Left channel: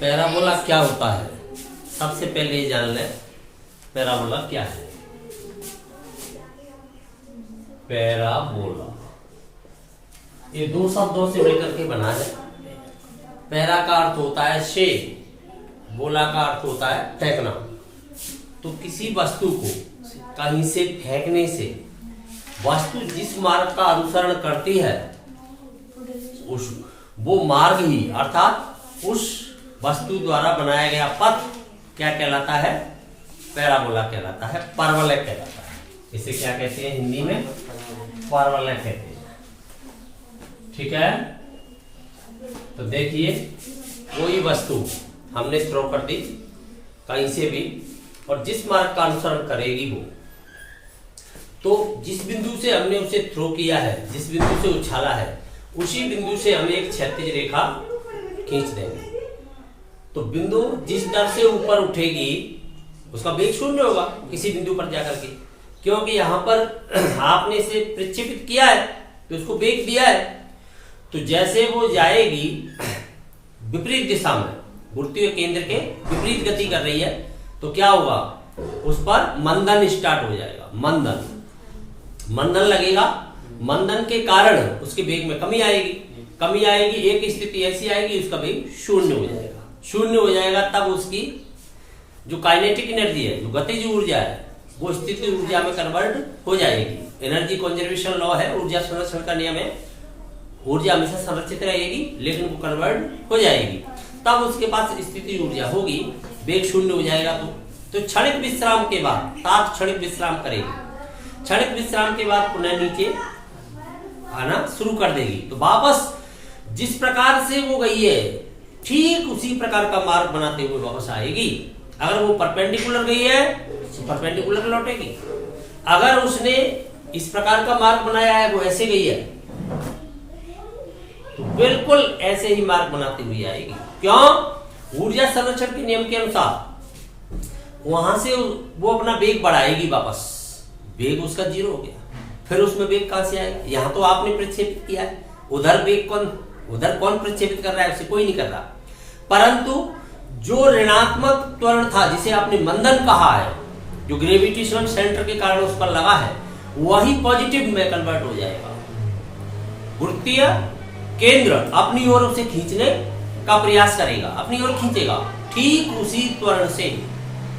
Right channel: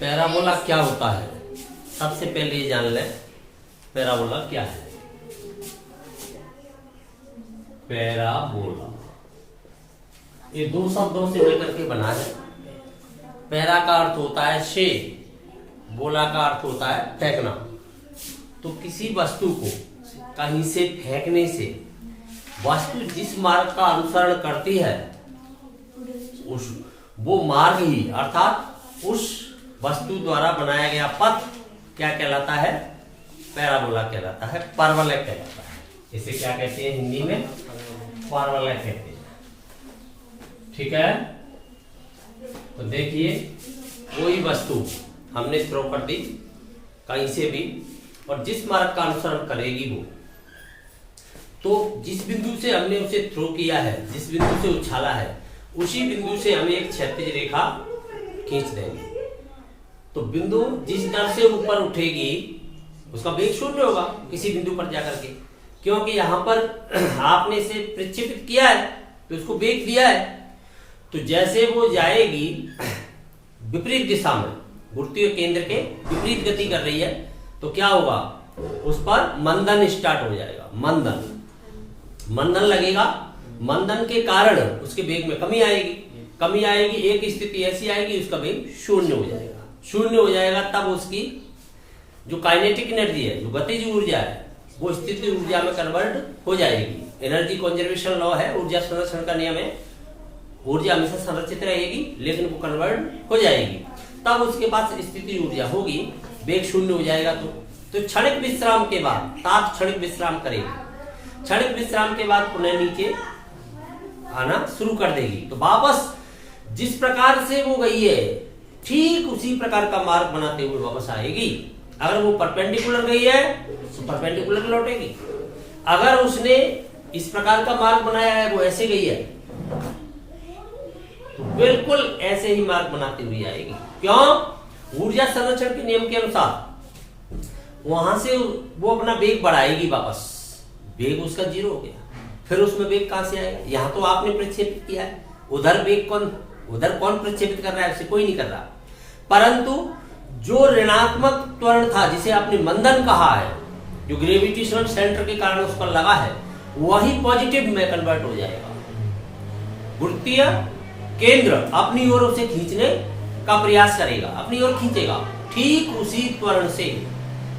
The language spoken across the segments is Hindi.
पैराबोला क्या होता है? सबसे पहले ये जान लें पैराबोला क्या है। पैराबोला ये दो शब्दों से मिलकर के बना है। पैरा का अर्थ होता है से, बोला का अर्थ होता है फेंकना। तो किसी वस्तु को कहीं से फेंकने से वस्तु जिस मार्ग का अनुसरण करती है उस वो मार्ग ही अर्थात उस वस्तु द्वारा बनाया गया पथ क्या कहलाता है? पैराबोला कहलाता है, परवलय कहलाता है। इसे क्या कहते हैं हिंदी में? परवलय कहते हैं। ठीक है, तो देखिए कोई वस्तु हमने थ्रो कर दी कहीं से भी और जिस मार्ग का अनुसरण करेगी वो, तो जिस बिंदु से हमने उसे थ्रो किया है, जिस बिंदु से उछाला है, उसी बिंदु से हमें एक क्षैतिज रेखा खींच देंगे। तो बिंदु जिस दर से ऊपर उठेगी उसका वेग शून्य होगा किसी बिंदु पर जाकर के, क्योंकि यहां पर आपने इसे प्रक्षेपित किया है तो उसको वेग दिया है। तो जैसे वो जाएगी विपरीत दिशा में, गुरुत्वीय केंद्र के विपरीत गति कर रही है, तो क्या होगा? उस पर मंदन स्टार्ट हो जाएगा। मंदन लगेगा। मंदन के कारण उसके वेग में कमी आएगी। एक स्थिति ऐसी आएगी उसका वेग शून्य हो जाएगा। तब उसकी जो काइनेटिक एनर्जी है, जो गतिज ऊर्जा है, वो स्थिति ऊर्जा में कन्वर्ट हो जाएगी। एनर्जी कंजर्वेशन लॉ है, ऊर्जा संरक्षण का नियम है। ऊर्जा हमेशा संरक्षित रहेगी लेकिन वो कन्वर्ट हो जाएगी। तब उसके पास स्थिति ऊर्जा होगी, वेग शून्य हो जाएगा। तो क्षणिक विश्राम के बाद क्षणिक विश्राम करेगी। क्षणिक विश्राम के बाद पुनः नीचे आना शुरू कर देगी। तो वापस जिस प्रकार से वो गई है ठीक उसी प्रकार का मार्ग बनाते हुए वापस आएगी। अगर वो परपेंडिकुलर गई है तो परपेंडिकुलर लौटेगी। अगर उसने इस प्रकार का मार्ग बनाया है, वो ऐसे गई है, तो बिल्कुल ऐसे ही मार्ग बनाते हुए आएगी। क्यों? ऊर्जा संरक्षण के नियम के अनुसार वहां से वो अपना वेग बढ़ाएगी। वापस वेग उसका 0 हो गया, फिर उसमें वेग कहां से आएगा? यहां तो आपने प्रक्षेपित किया है, उधर कौन प्रक्षेपित कर रहा है? उसे कोई नहीं कर रहा। परंतु जो ऋणात्मक त्वरण था, जिसे आपने मंदन कहा है, जो ग्रेविटेशनल सेंटर के कारण उस पर लगा है, वही पॉजिटिव में कन्वर्ट हो जाएगा। गुरुत्वीय केंद्र अपनी ओर उसे खींचने का प्रयास करेगा, अपनी ओर खींचेगा। ठीक उसी त्वरण से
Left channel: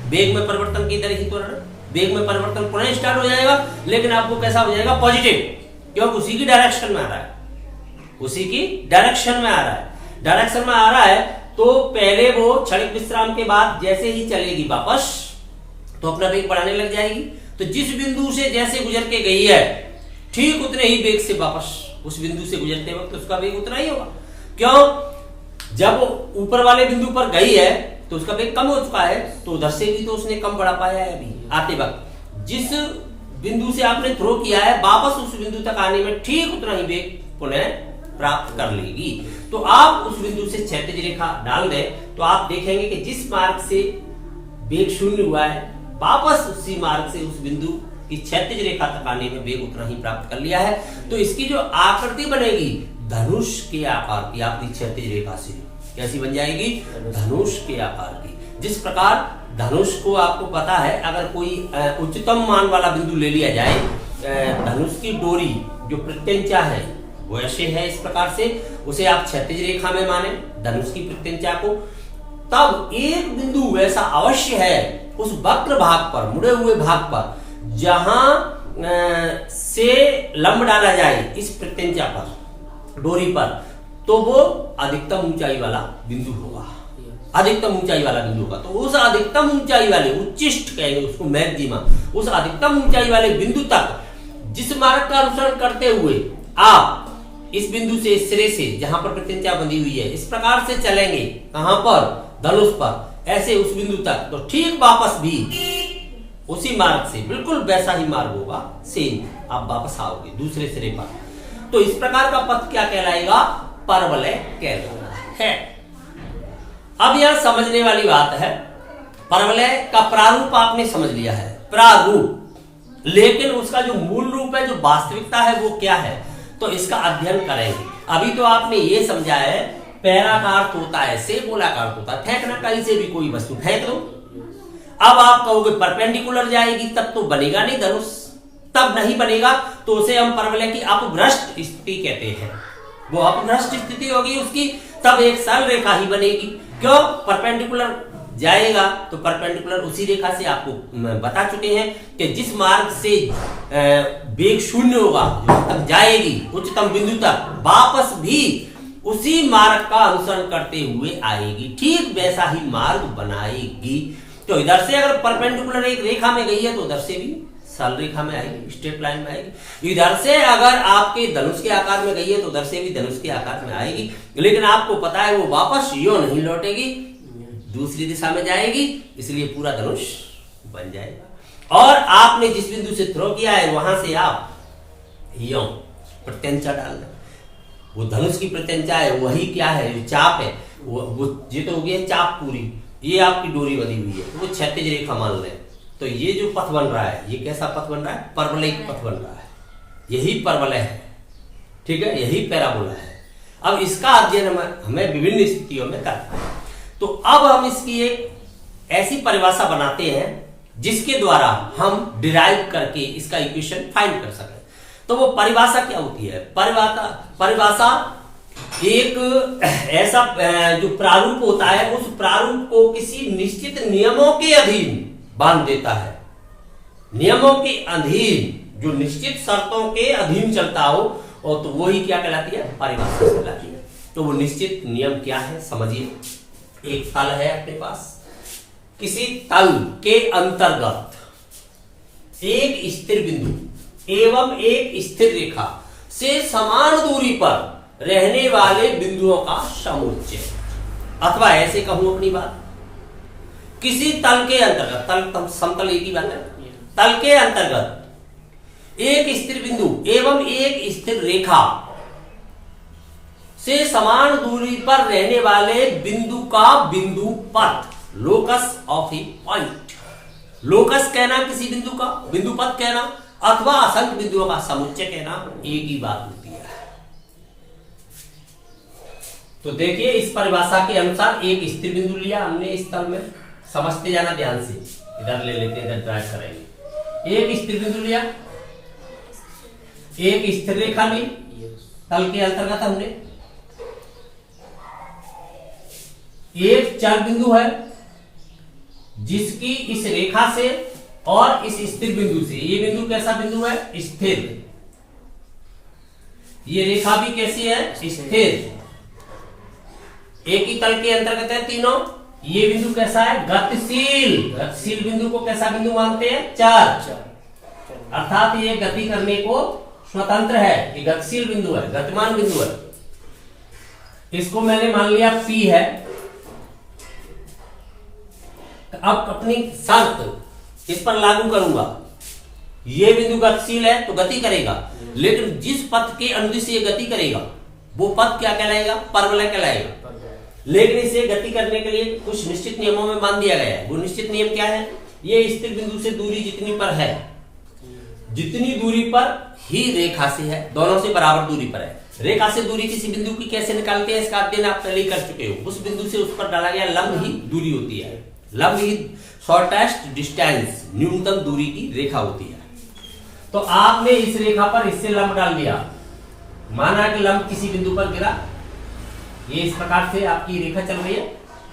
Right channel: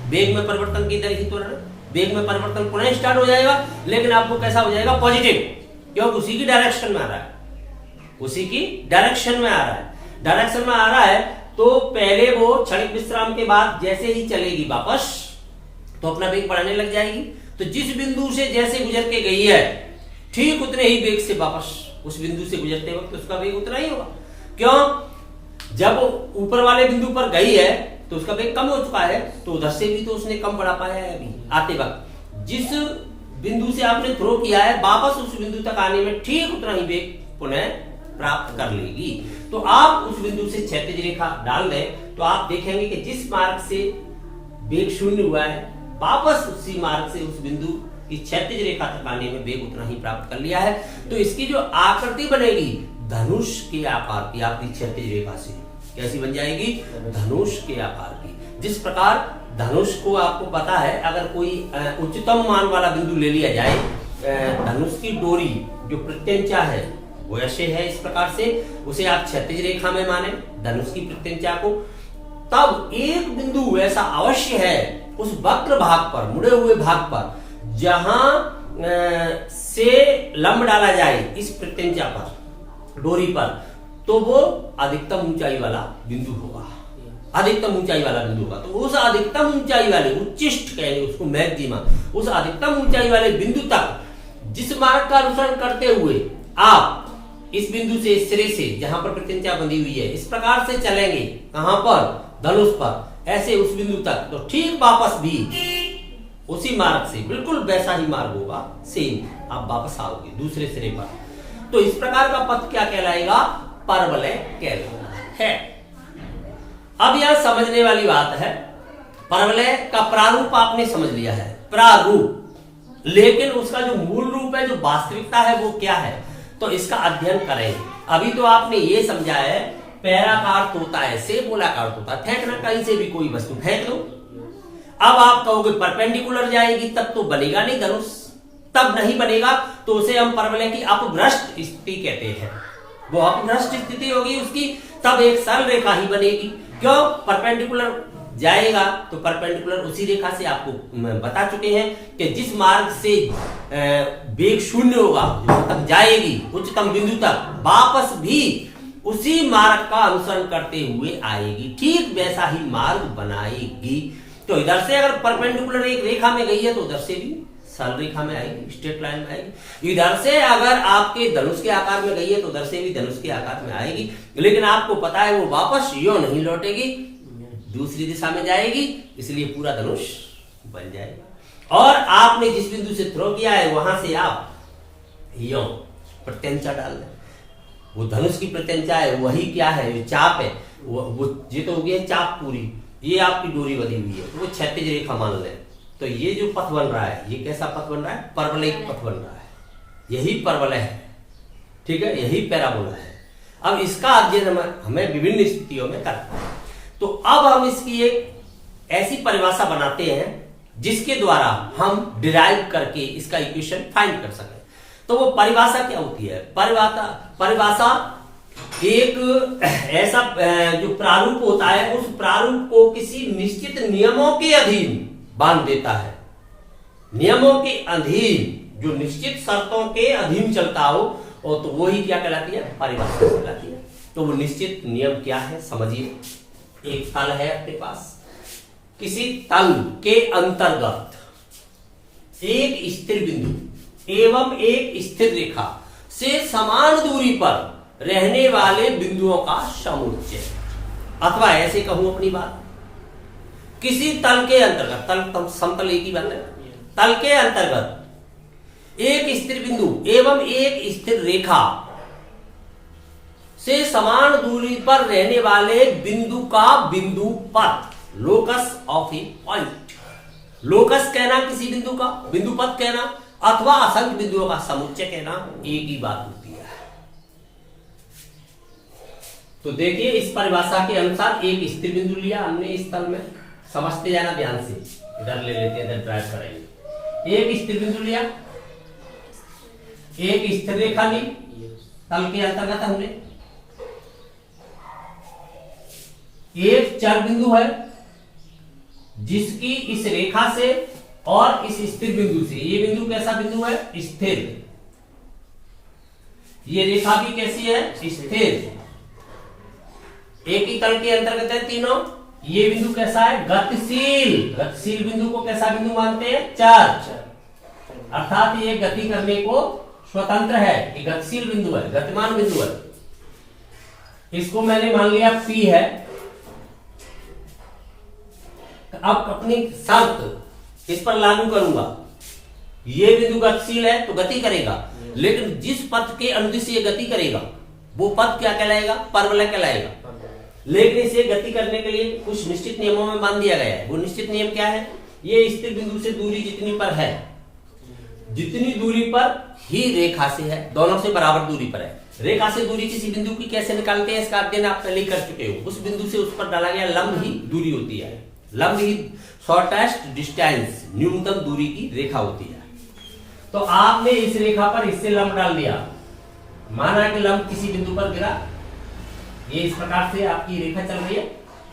वेग में परिवर्तन की तरह ही त्वरण, वेग में परिवर्तन पुनः स्टार्ट हो जाएगा, लेकिन आपको कैसा हो जाएगा? पॉजिटिव, क्योंकि उसी की डायरेक्शन में आ रहा है। डायरेक्शन में आ रहा है। तो पहले वो क्षणिक विश्राम के बाद जैसे ही चलेगी वापस, तो अपना वेग बढ़ाने लग जाएगी। तो जिस बिंदु से जैसे गुजर के गई है, ठीक उतने ही वेग से वापस उस बिंदु से गुजरते वक्त उसका वेग उतना ही होगा। क्यों? जब ऊपर वाले बिंदु पर गई है तो उसका वेग कम हो चुका है, तो उधर से भी तो उसने कम बढ़ा पाया है। अभी आते वक्त जिस बिंदु से आपने थ्रो किया है, वापस उस बिंदु तक आने में ठीक उतना ही वेग पुनः प्राप्त कर लेगी। तो आप उस बिंदु से क्षैतिज रेखा डाल दें तो आप देखेंगे कि जिस मार्ग से वेग शून्य हुआ है, वापस उसी मार्ग से उस बिंदु की क्षैतिज रेखा तक आने में वेग उतना ही प्राप्त कर लिया है। तो इसकी जो आकृति बनेगी धनुष के आकार की, आपकी क्षैतिज रेखा से कैसी बन जाएगी? धनुष के आकार की। जिस प्रकार धनुष को आपको पता है, अगर कोई उच्चतम मान वाला बिंदु ले लिया जाए, धनुष की डोरी जो प्रत्यंचा है वो ऐसे है, इस प्रकार से उसे आप क्षैतिज रेखा में माने धनुष की प्रत्यंचा को, तब एक बिंदु ऐसा अवश्य है उस वक्र भाग पर, मुड़े हुए भाग पर, जहां से लंब डाला जाए इस प्रत्यंचा पर, डोरी पर, तो वो अधिकतम ऊंचाई वाला बिंदु होगा। अधिकतम ऊंचाई वाला बिंदु होगा। तो उस अधिकतम ऊंचाई वाले, उच्चिष्ट कहेंगे उसको, मैक्सिमा, उस अधिकतम ऊंचाई वाले बिंदु तक जिस मार्ग का अनुसरण करते हुए आप इस बिंदु से, इस सिरे से जहां पर प्रत्यंचा बंधी हुई है, इस प्रकार से चलेंगे, कहां पर? धनुष पर, ऐसे उस बिंदु तक, तो ठीक वापस भी उसी मार्ग से, बिल्कुल वैसा ही मार्ग होगा, सेम आप वापस आओगे दूसरे सिरे पर। तो इस प्रकार का पथ क्या कहलाएगा? परवलय कहलाता है। अब यह समझने वाली बात है, परवलय का प्रारूप आपने समझ लिया है, प्रारूप, लेकिन उसका जो मूल रूप है, जो वास्तविकता है, वो क्या है? तो इसका अध्ययन करेंगे। अभी तो आपने ये समझा है पैरा का अर्थ होता है से, बोला का अर्थ होता है फेंकना, कहीं से भी कोई वस्तु फेंक दो। अब आप कहोगे परपेंडिकुलर जाएगी तब तो बनेगा नहीं धनुष, तब नहीं बनेगा, तो उसे हम परवलय की अपभ्रष्ट स्थिति कहते हैं। वो अपभ्रष्ट स्थिति होगी उसकी, तब एक सरल रेखा ही बनेगी। क्यों? परपेंडिकुलर जाएगा तो परपेंडिकुलर उसी रेखा से, आपको बता चुके हैं कि जिस मार्ग से वेग शून्य होगा, जो तक जाएगी उच्चतम बिंदु तक, वापस भी उसी मार्ग का अनुसरण करते हुए आएगी, ठीक वैसा ही मार्ग बनाएगी। तो इधर से अगर परपेंडिकुलर एक रेखा में गई है तो उधर से भी सरल रेखा में आएगी, स्ट्रेट लाइन में आएगी। इधर से अगर आपके धनुष के आकार में गई है तो उधर से भी धनुष के आकार में आएगी, लेकिन आपको पता है वो वापस यो नहीं लौटेगी, दूसरी दिशा में जाएगी, इसलिए पूरा धनुष बन जाएगा। और आपने जिस बिंदु से थ्रो किया है वहां से आप यो प्रत्यंचा डालना, वो धनुष की प्रत्यंचा है, वही क्या है, जो चाप है, वो ये तो हो गया चाप पूरी, ये आपकी डोरी बनी हुई है, तो वो क्षैतिज रेखा मान लें। तो ये जो पथ बन रहा है, ये कैसा पथ बन रहा है? परवलयिक पथ बन रहा है, यही परवलय है, ठीक है, यही पैराबोला है। अब इसका अध्ययन हमें विभिन्न स्थितियों में करना है। तो अब हम इसकी एक ऐसी परिभाषा बनाते हैं जिसके द्वारा हम डिराइव करके इसका इक्वेशन फाइंड कर सकें। तो वो परिभाषा क्या होती है? परिभाषा एक ऐसा जो प्रारूप होता है, उस प्रारूप को किसी निश्चित नियमों के अधीन बांध देता है। नियमों के अधीन, जो निश्चित शर्तों के अधीन चलता हो, और तो वही क्या कहलाती है? परिभाषा कहलाती है। तो वो निश्चित नियम क्या है समझिए। एक तल है अपने पास, किसी तल के अंतर्गत एक स्थिर बिंदु एवं एक स्थिर रेखा से समान दूरी पर रहने वाले बिंदुओं का समुच्चय, अथवा ऐसे कहूं अपनी बात, किसी तल के अंतर्गत, तल समतल एक ही बात है, तल के अंतर्गत एक स्थिर बिंदु एवं एक स्थिर रेखा से समान दूरी पर रहने वाले बिंदु का बिंदु पथ, locus of A point. Locus कहना किसी बिंदु का, बिंदु पथ कहना, अथवा असंख्य बिंदुओं का समुच्चय कहना, एक ही बात होती है। तो देखिए इस परिभाषा के अनुसार एक स्थिर बिंदु लिया हमने इस तल में, समझते जाना ध्यान से, इधर ले लेते हैं, इधर ड्राइव करेंगे। एक स्थिर बिंदु लिया, एक स्थिर रेखा ली, तल के अंतर्गत हमने एक चर बिंदु है जिसकी इस रेखा से और इस स्थिर बिंदु से, ये बिंदु कैसा बिंदु है? स्थिर। ये रेखा भी कैसी है? स्थिर। एक ही तल के अंतर्गत है तीनों। ये बिंदु कैसा है? गतिशील। गतिशील बिंदु को कैसा बिंदु मानते हैं? चर। अर्थात ये गति करने को स्वतंत्र है, ये गतिशील बिंदु है, गतिमान बिंदु है। इसको मैंने मान लिया P है। अब अपनी शर्त इस पर लागू करूंगा, ये बिंदु गतिशील है तो गति करेगा, लेकिन जिस पथ के अनुदिश ये गति करेगा वो पथ क्या कहलाएगा? परवलय कहलाएगा। लेकिन इसे गति करने के लिए कुछ निश्चित नियमों में बांध दिया गया है। वो निश्चित नियम क्या है? ये स्थिर बिंदु से दूरी जितनी पर है, जितनी दूरी पर ही रेखा से है, दोनों से बराबर दूरी पर है। रेखा से दूरी किसी बिंदु की कैसे निकालते हैं इसका अध्ययन आप पहले ही कर चुके हो। उस बिंदु से उस पर डाला गया लंब ही दूरी होती है। लंब ही शॉर्टेस्ट डिस्टेंस, न्यूनतम दूरी की रेखा होती है। तो आपने इस रेखा पर इससे लंब डाल दिया, माना कि लंब किसी बिंदु पर गिरा, ये इस प्रकार से आपकी रेखा चल रही है।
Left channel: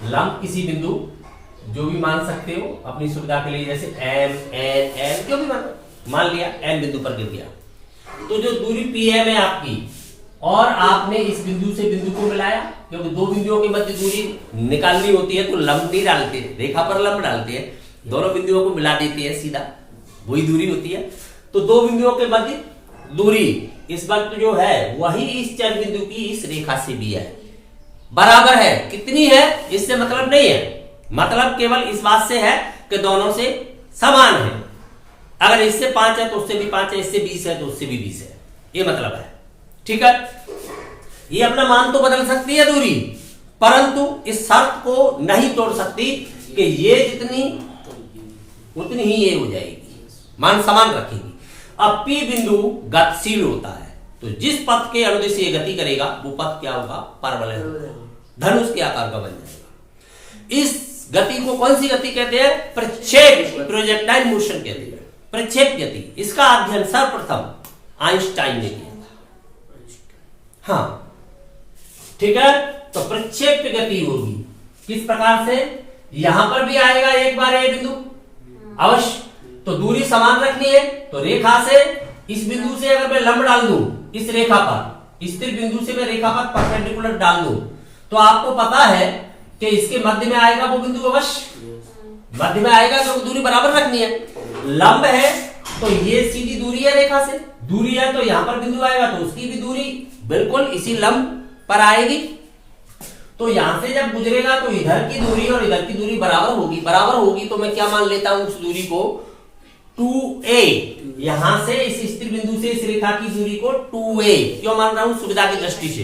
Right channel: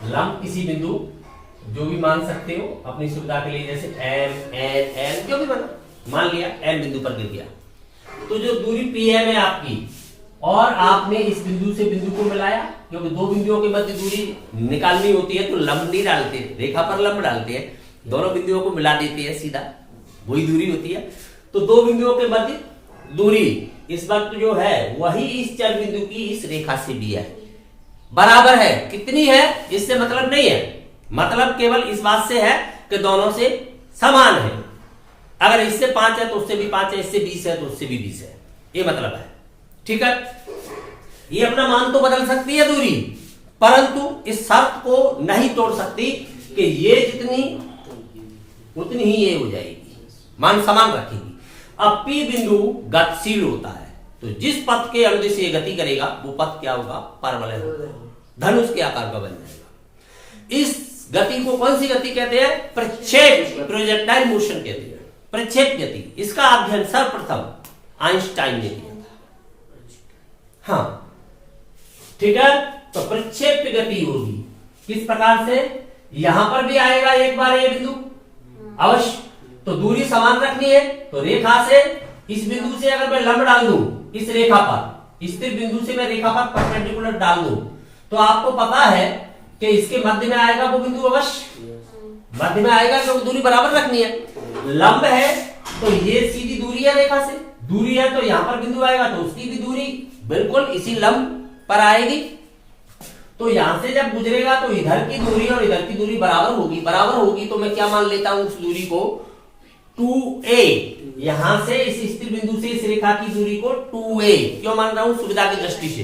लंब किसी बिंदु जो भी मान सकते हो अपनी सुविधा के लिए, जैसे एम एन एल जो भी मान लिया, एन बिंदु पर गिर गया। तो जो दूरी पी एम है आपकी, और आपने इस बिंदु से बिंदु को मिलाया, क्योंकि दो बिंदुओं के मध्य दूरी निकालनी होती है तो लंब नहीं डालते, रेखा पर लंब डालते हैं, दोनों बिंदुओं को मिला देते हैं, सीधा वही दूरी होती है। तो दो बिंदुओं के मध्य दूरी इस वक्त जो है वही इस चर बिंदु की इस रेखा से भी है, बराबर है। कितनी है इससे मतलब नहीं है, मतलब केवल इस बात से है कि दोनों से समान है। अगर इससे 5 है तो उससे भी 5 है, इससे 20 है तो उससे भी 20 है, ये मतलब है। ठीक है, ये अपना मान तो बदल सकती है दूरी, परंतु इस शर्त को नहीं तोड़ सकती कि ये जितनी उतनी ही ये हो जाएगी, मान समान रखेगी। अब P बिंदु गतिशील होता है, तो जिस पथ के अनुदिश ये गति करेगा वो पथ क्या होगा? परवलय होगा। धनुष के आकार का बन जाएगा। इस गति को कौन सी गति कहते हैं? प्रक्षेप, प्रोजेक्टाइल मोशन कहते हैं, प्रक्षेप गति। इसका अध्ययन सर्वप्रथम आइंस्टाइन ने किया था। हाँ, ठीक है। तो प्रक्षेप गति होगी किस प्रकार से? यहां पर भी आएगा एक बार ए बिंदु अवश्य, तो दूरी समान रखनी है। तो रेखा से इस बिंदु से अगर मैं लंब डाल दूं इस रेखा पर, स्थिर बिंदु से मैं रेखा पर परपेंडिकुलर डाल दूं, तो आपको पता है कि इसके मध्य में आएगा वो बिंदु अवश्य, मध्य में आएगा क्योंकि दूरी बराबर रखनी है। लंब है तो ये सीधी दूरी है रेखा से, दूरी है तो यहां पर बिंदु आएगा तो उसकी भी दूरी बिल्कुल इसी लंब पर आएगी। तो यहां से जब गुजरेगा तो इधर की दूरी और इधर की दूरी बराबर होगी, बराबर होगी तो मैं क्या मान लेता हूं उस दूरी को 2a। यहां से इस स्थिर बिंदु से इस रेखा की दूरी को 2a क्यों मान रहा हूं? सुविधा की दृष्टि से,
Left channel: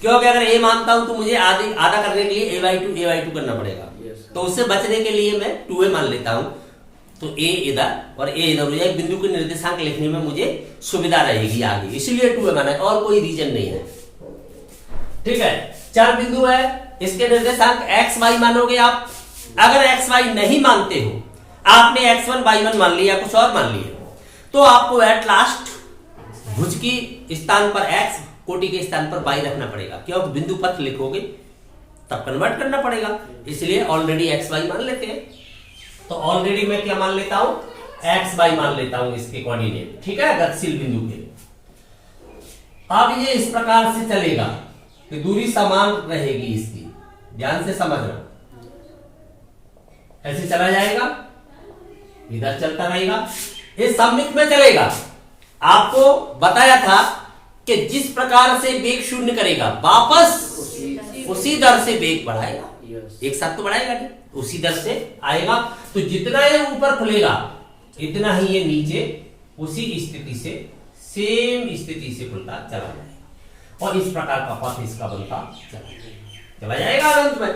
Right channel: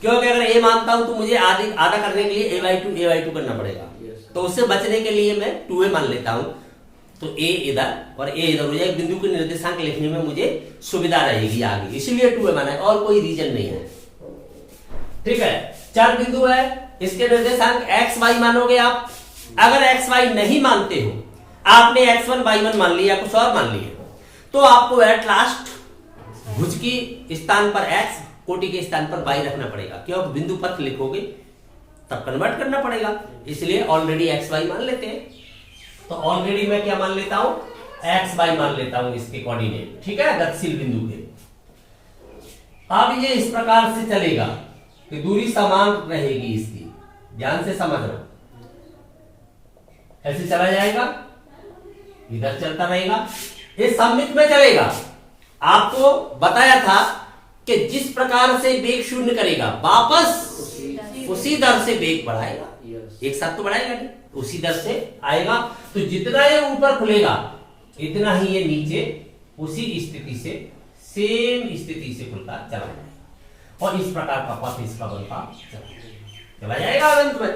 क्योंकि अगर a मानता हूं तो मुझे आधा करने के लिए a/2 करना पड़ेगा, तो उससे बचने के लिए मैं 2a मान लेता हूं। तो a इधर और a इधर हो जाए, बिंदु के निर्देशांक लिखने में मुझे सुविधा रहेगी आगे, इसलिए 2a माना है, और कोई रीजन नहीं है। ठीक है, 4 बिंदु है, इसके निर्देशांक x y मानोगे आप। अगर x y नहीं मानते हो, आपने x1 y1 मान लिया, कुछ और मान लिया, तो आपको एट लास्ट भुज की स्थान पर x, कोटि के स्थान पर y रखना पड़ेगा, क्योंकि बिंदु पथ लिखोगे तब कन्वर्ट करना पड़ेगा, इसलिए ऑलरेडी x y मान लेते हैं। तो ऑलरेडी मैं क्या मान लेता हूं? x y मान लेता हूं इसके कोऑर्डिनेट, ठीक है, गतिशील बिंदु के। अब ये इस प्रकार से चलेगा कि दूरी समान रहेगी इसकी, ध्यान से समझना। ऐसे चला जाएगा, इधर चलता रहेगा, ये सममित में चलेगा। आपको बताया था कि जिस प्रकार से वेग शून्य करेगा वापस उसी दर से वेग बढ़ाएगा, एक साथ तो बढ़ाएगा नहीं, उसी दर से आएगा। तो जितना ये ऊपर खुलेगा इतना ही ये नीचे उसी स्थिति से, सेम स्थिति से खुलता चला जाएगा, और इस प्रकार का पथ इसका बनता चला जाएगा अंत में।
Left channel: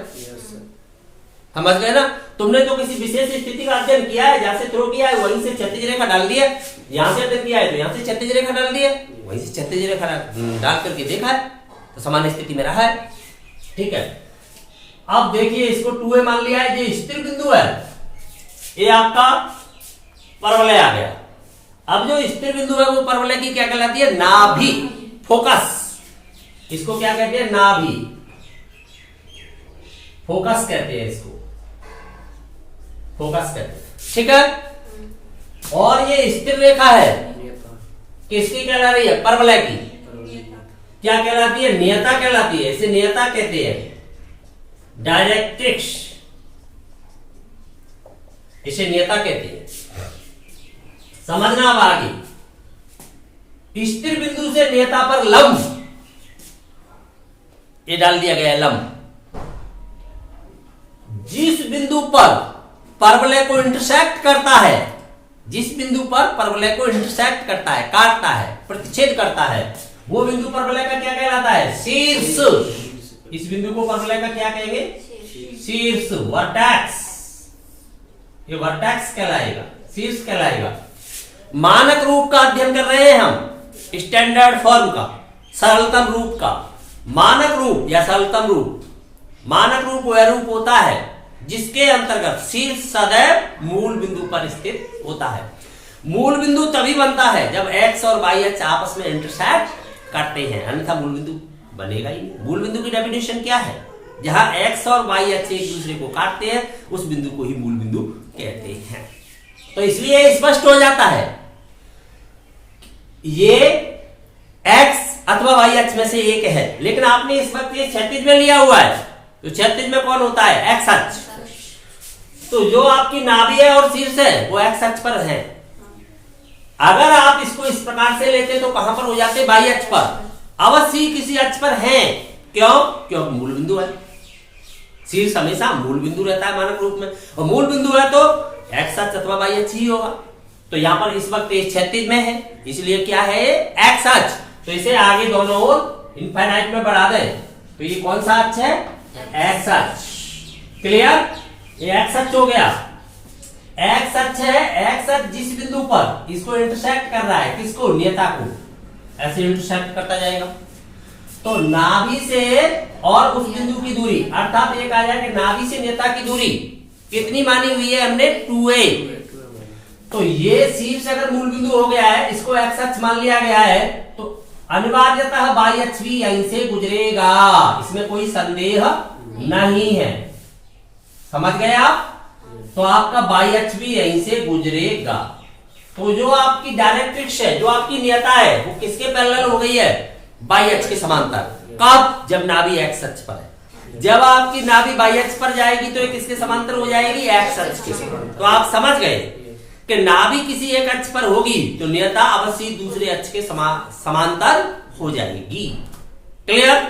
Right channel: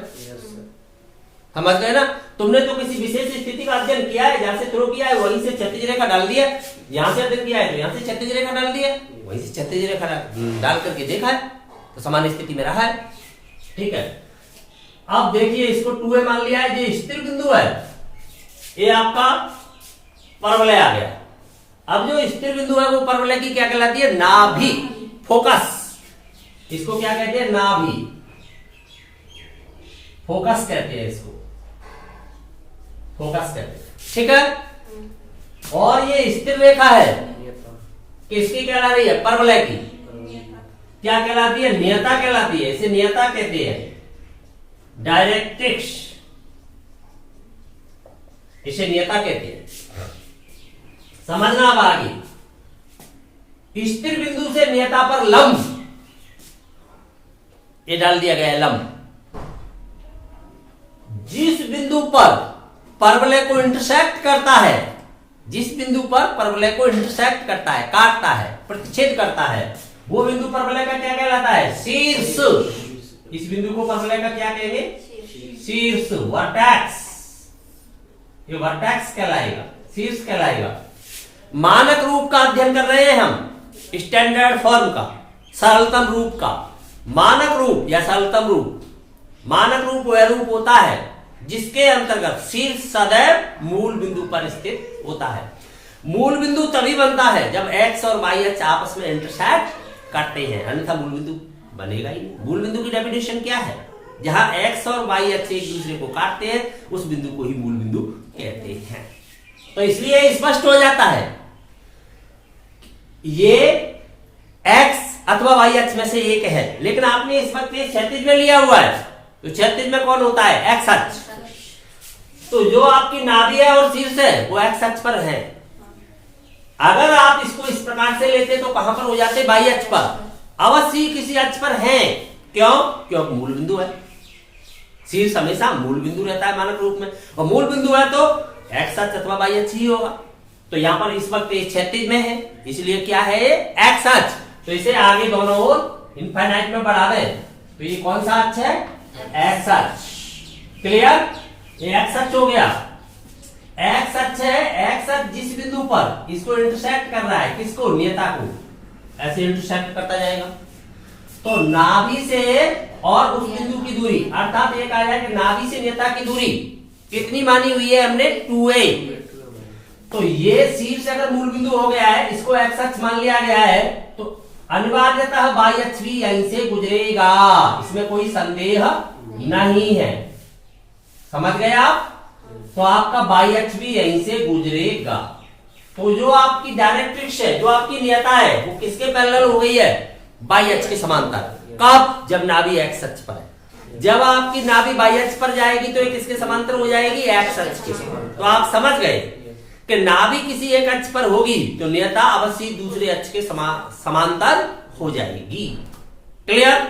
समझ गए ना? तुमने तो किसी विशेष स्थिति का अध्ययन किया है, जहां से थ्रो किया है वहीं से क्षैतिज रेखा डाल दिया, यहां से अध्ययन किया है तो यहां से क्षैतिज रेखा डाल दिया, वहीं से क्षैतिज रेखा डाल करके देखा है तो समान स्थिति में रहा है। ठीक है, अब देखिए इसको 2a मान लिया है, ये स्थिर बिंदु है, ये आपका परवलय आ गया। अब जो स्थिर बिंदु है वो परवलय की क्या कहलाती है? नाभि, फोकस। इसको क्या कहते हैं? नाभि, फोकस कहते हैं इसको, फोकस कहते हैं। ठीक है, और ये स्थिर रेखा है, किसकी कहला रही है? परवलय की। क्या कहलाती है? नियता कहलाती है, इसे नियता कहते हैं, डायरेक्ट्रिक्स, इसे नियता कहते हैं। समझना अब आगे, स्थिर बिंदु से नियता पर लंब, ये डाल दिया गया है लंब। जिस बिंदु पर परवलय को इंटरसेक्ट करता है, जिस बिंदु पर परवलय को इंटरसेक्ट करता है, काटता है, प्रतिच्छेद करता है, वो बिंदु परवलय का क्या कहलाता है? शीर्ष। इस बिंदु को परवलय का क्या कहेंगे? शीर्ष, वर्टेक्स। ये वर्टेक्स कहलाएगा, शीर्ष कहलाएगा। मानक रूप का अध्ययन कर रहे हैं हम, स्टैंडर्ड फॉर्म का, सरलतम रूप का। मानक रूप या सरलतम रूप, मानक रूप वह रूप होता है जिसके अंतर्गत शीर्ष सदैव मूल बिंदु पर स्थित होता है। मूल बिंदु तभी बनता है जब x और y अक्ष आपस में इंटरसेक्ट करते हैं, अन्यथा मूल बिंदु बनेगा ही नहीं। मूल बिंदु की डेफिनेशन क्या है? जहां x और y अक्ष एक दूसरे को काटते हैं उस बिंदु को ही मूल बिंदु कहते हैं। तो इसलिए स्पष्ट हो जाता है ये x अथवा y अक्ष में से एक है, लेकिन आपने इस वक्त ये क्षैतिज में लिया हुआ है, तो क्षैतिज में कौन होता है? x अक्ष। तो जो आपकी नाभि है और शीर्ष है वो x अक्ष पर है। अगर आप इसको इस प्रकार से लेते तो कहां पर हो जाते? y अक्ष पर। अवश्य ही किसी अक्ष पर है, क्यों? क्योंकि मूल बिंदु है। शीर्ष हमेशा मूल बिंदु रहता है मानक रूप में, और मूल बिंदु है तो x अक्ष अथवा y अक्ष ही होगा। तो यहां पर इस वक्त क्षैतिज में है, इसलिए क्या है? x अक्ष। तो इसे आगे दोनों ओर इनफाइनाइट में बढ़ा दें तो ये कौन सा अक्ष है? x अक्ष। क्लियर? ये x अक्ष हो गया, x अक्ष है। x अक्ष जिस बिंदु पर इसको इंटरसेक्ट कर रहा है, किसको? नियता को, ऐसे इंटरसेक्ट करता जाएगा। तो नाभि से और उस बिंदु की दूरी, अर्थात एक आ जाए कि नाभि से नेता की दूरी कितनी मानी हुई है हमने 2a। तो ये शीर्ष अगर मूल बिंदु हो गया है, इसको एक्स अक्ष मान लिया गया है, तो अनिवार्यतः बाह्य अक्ष भी यहीं से गुजरेगा, इसमें कोई संदेह नहीं है। समझ गए आप? तो आपका बाह्य अक्ष भी यहीं से गुजरेगा। तो जो आपकी डायरेक्ट्रिक्स है, जो आपकी नियता है, वो किसके पैरेलल हो गई है? बाह्य अक्ष के समांतर। कब? जब नाभि एक्स अक्ष पर है। जब आपकी नाभि बाह्य अक्ष पर जाएगी तो ये किसके समांतर हो जाएगी? एक्स अक्ष के। तो आप समझ गए कि नाभि किसी एक अक्ष पर होगी तो नियता अवश्य दूसरे अक्ष के समांतर हो जाएगी। क्लियर?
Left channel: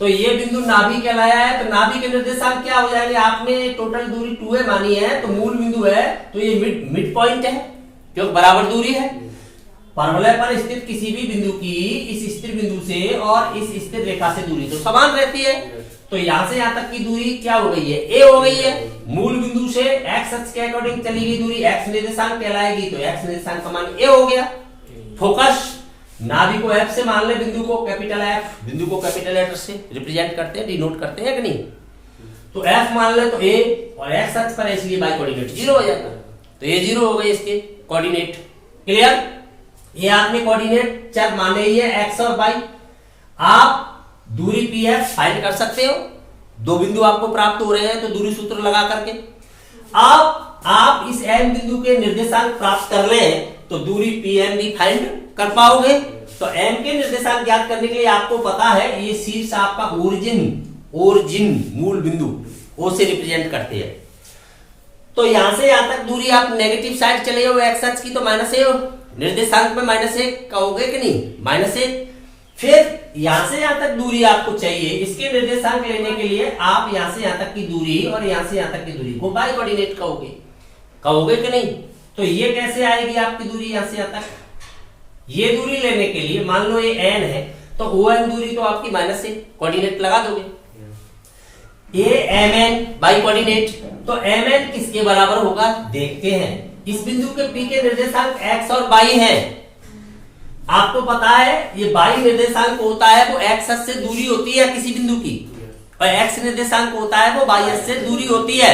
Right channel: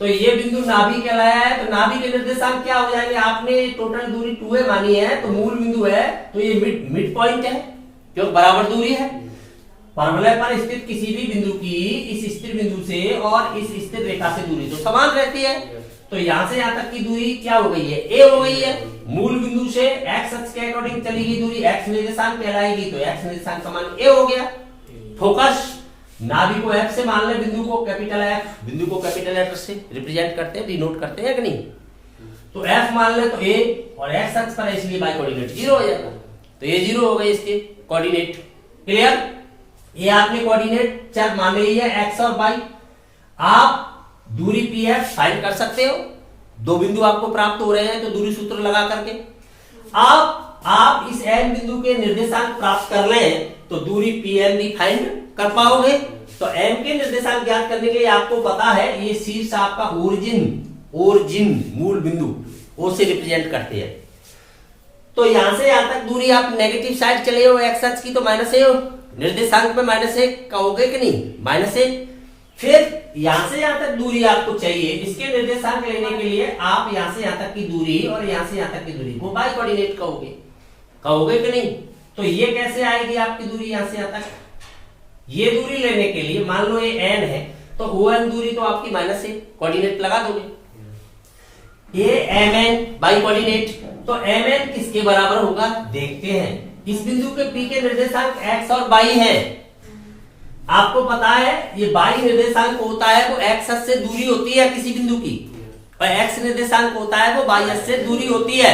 तो ये बिंदु नाभि कहलाया है। तो नाभि के निर्देशांक क्या हो जाएंगे? आपने टोटल दूरी 2a मानी है, तो मूल बिंदु है तो ये मिड पॉइंट है, क्योंकि बराबर दूरी है। परवलय पर स्थित किसी भी बिंदु की इस स्थिर बिंदु से और इस स्थिर रेखा से दूरी तो समान रहती है। तो यहां से यहां तक की दूरी क्या हो गई है? a हो गई है। मूल बिंदु से एक्स अक्ष के अकॉर्डिंग चली गई दूरी एक्स निर्देशांक कहलाएगी, तो एक्स निर्देशांक समान a हो गया। फोकस, नाभि को F से मान ले, बिंदु को कैपिटल F, बिंदु को कैपिटल लेटर से रिप्रेजेंट करते हैं, डिनोट करते हैं कि नहीं? तो F मान ले तो A, और एक्स अक्ष पर है इसलिए बाई कोऑर्डिनेट 0 हो जाता। तो ये 0 हो गए इसके कोऑर्डिनेट। क्लियर? ये आपने कोऑर्डिनेट चर माने ही है एक्स और वाई। आप दूरी PF फाइंड कर सकते हो। दो बिंदु आपको प्राप्त हो रहे हैं तो दूरी सूत्र लगा करके अब आप इस M बिंदु के निर्देशांक प्राप्त कर लें तो दूरी PM भी फाइंड कर पाओगे। तो M के निर्देशांक ज्ञात करने के लिए आपको पता है ये शीर्ष आपका ओरिजिन मूल बिंदु O से रिप्रेजेंट करते हैं। तो यहां से यहां तक दूरी आप नेगेटिव साइड चले हो एक्स अक्ष की, तो -a हो, निर्देशांक में -a कहोगे कि नहीं? -a। फिर यहां से यहां तक दूरी आपको चाहिए, इसके निर्देशांक लेने के लिए आप यहां से यहां तक की दूरी और यहां से यहां तक की दूरी को बाई कोऑर्डिनेट कहोगे कि नहीं? तो ये कैसे आएगी आपकी दूरी यहां से यहां तक? ये दूरी लेने के लिए मान लो ये n है, तो ON दूरी तो आपकी -a, कोऑर्डिनेट लगा दोगे। ये mn बाई कोऑर्डिनेट, तो mn किसके बराबर होगा देखते हैं। इस बिंदु के P के निर्देशांक x और y है। आपको पता है ये y निर्देशांक होता है वो x अक्ष से दूरी होती है किसी बिंदु की, और x निर्देशांक होता है वो y अक्ष से दूरी होती है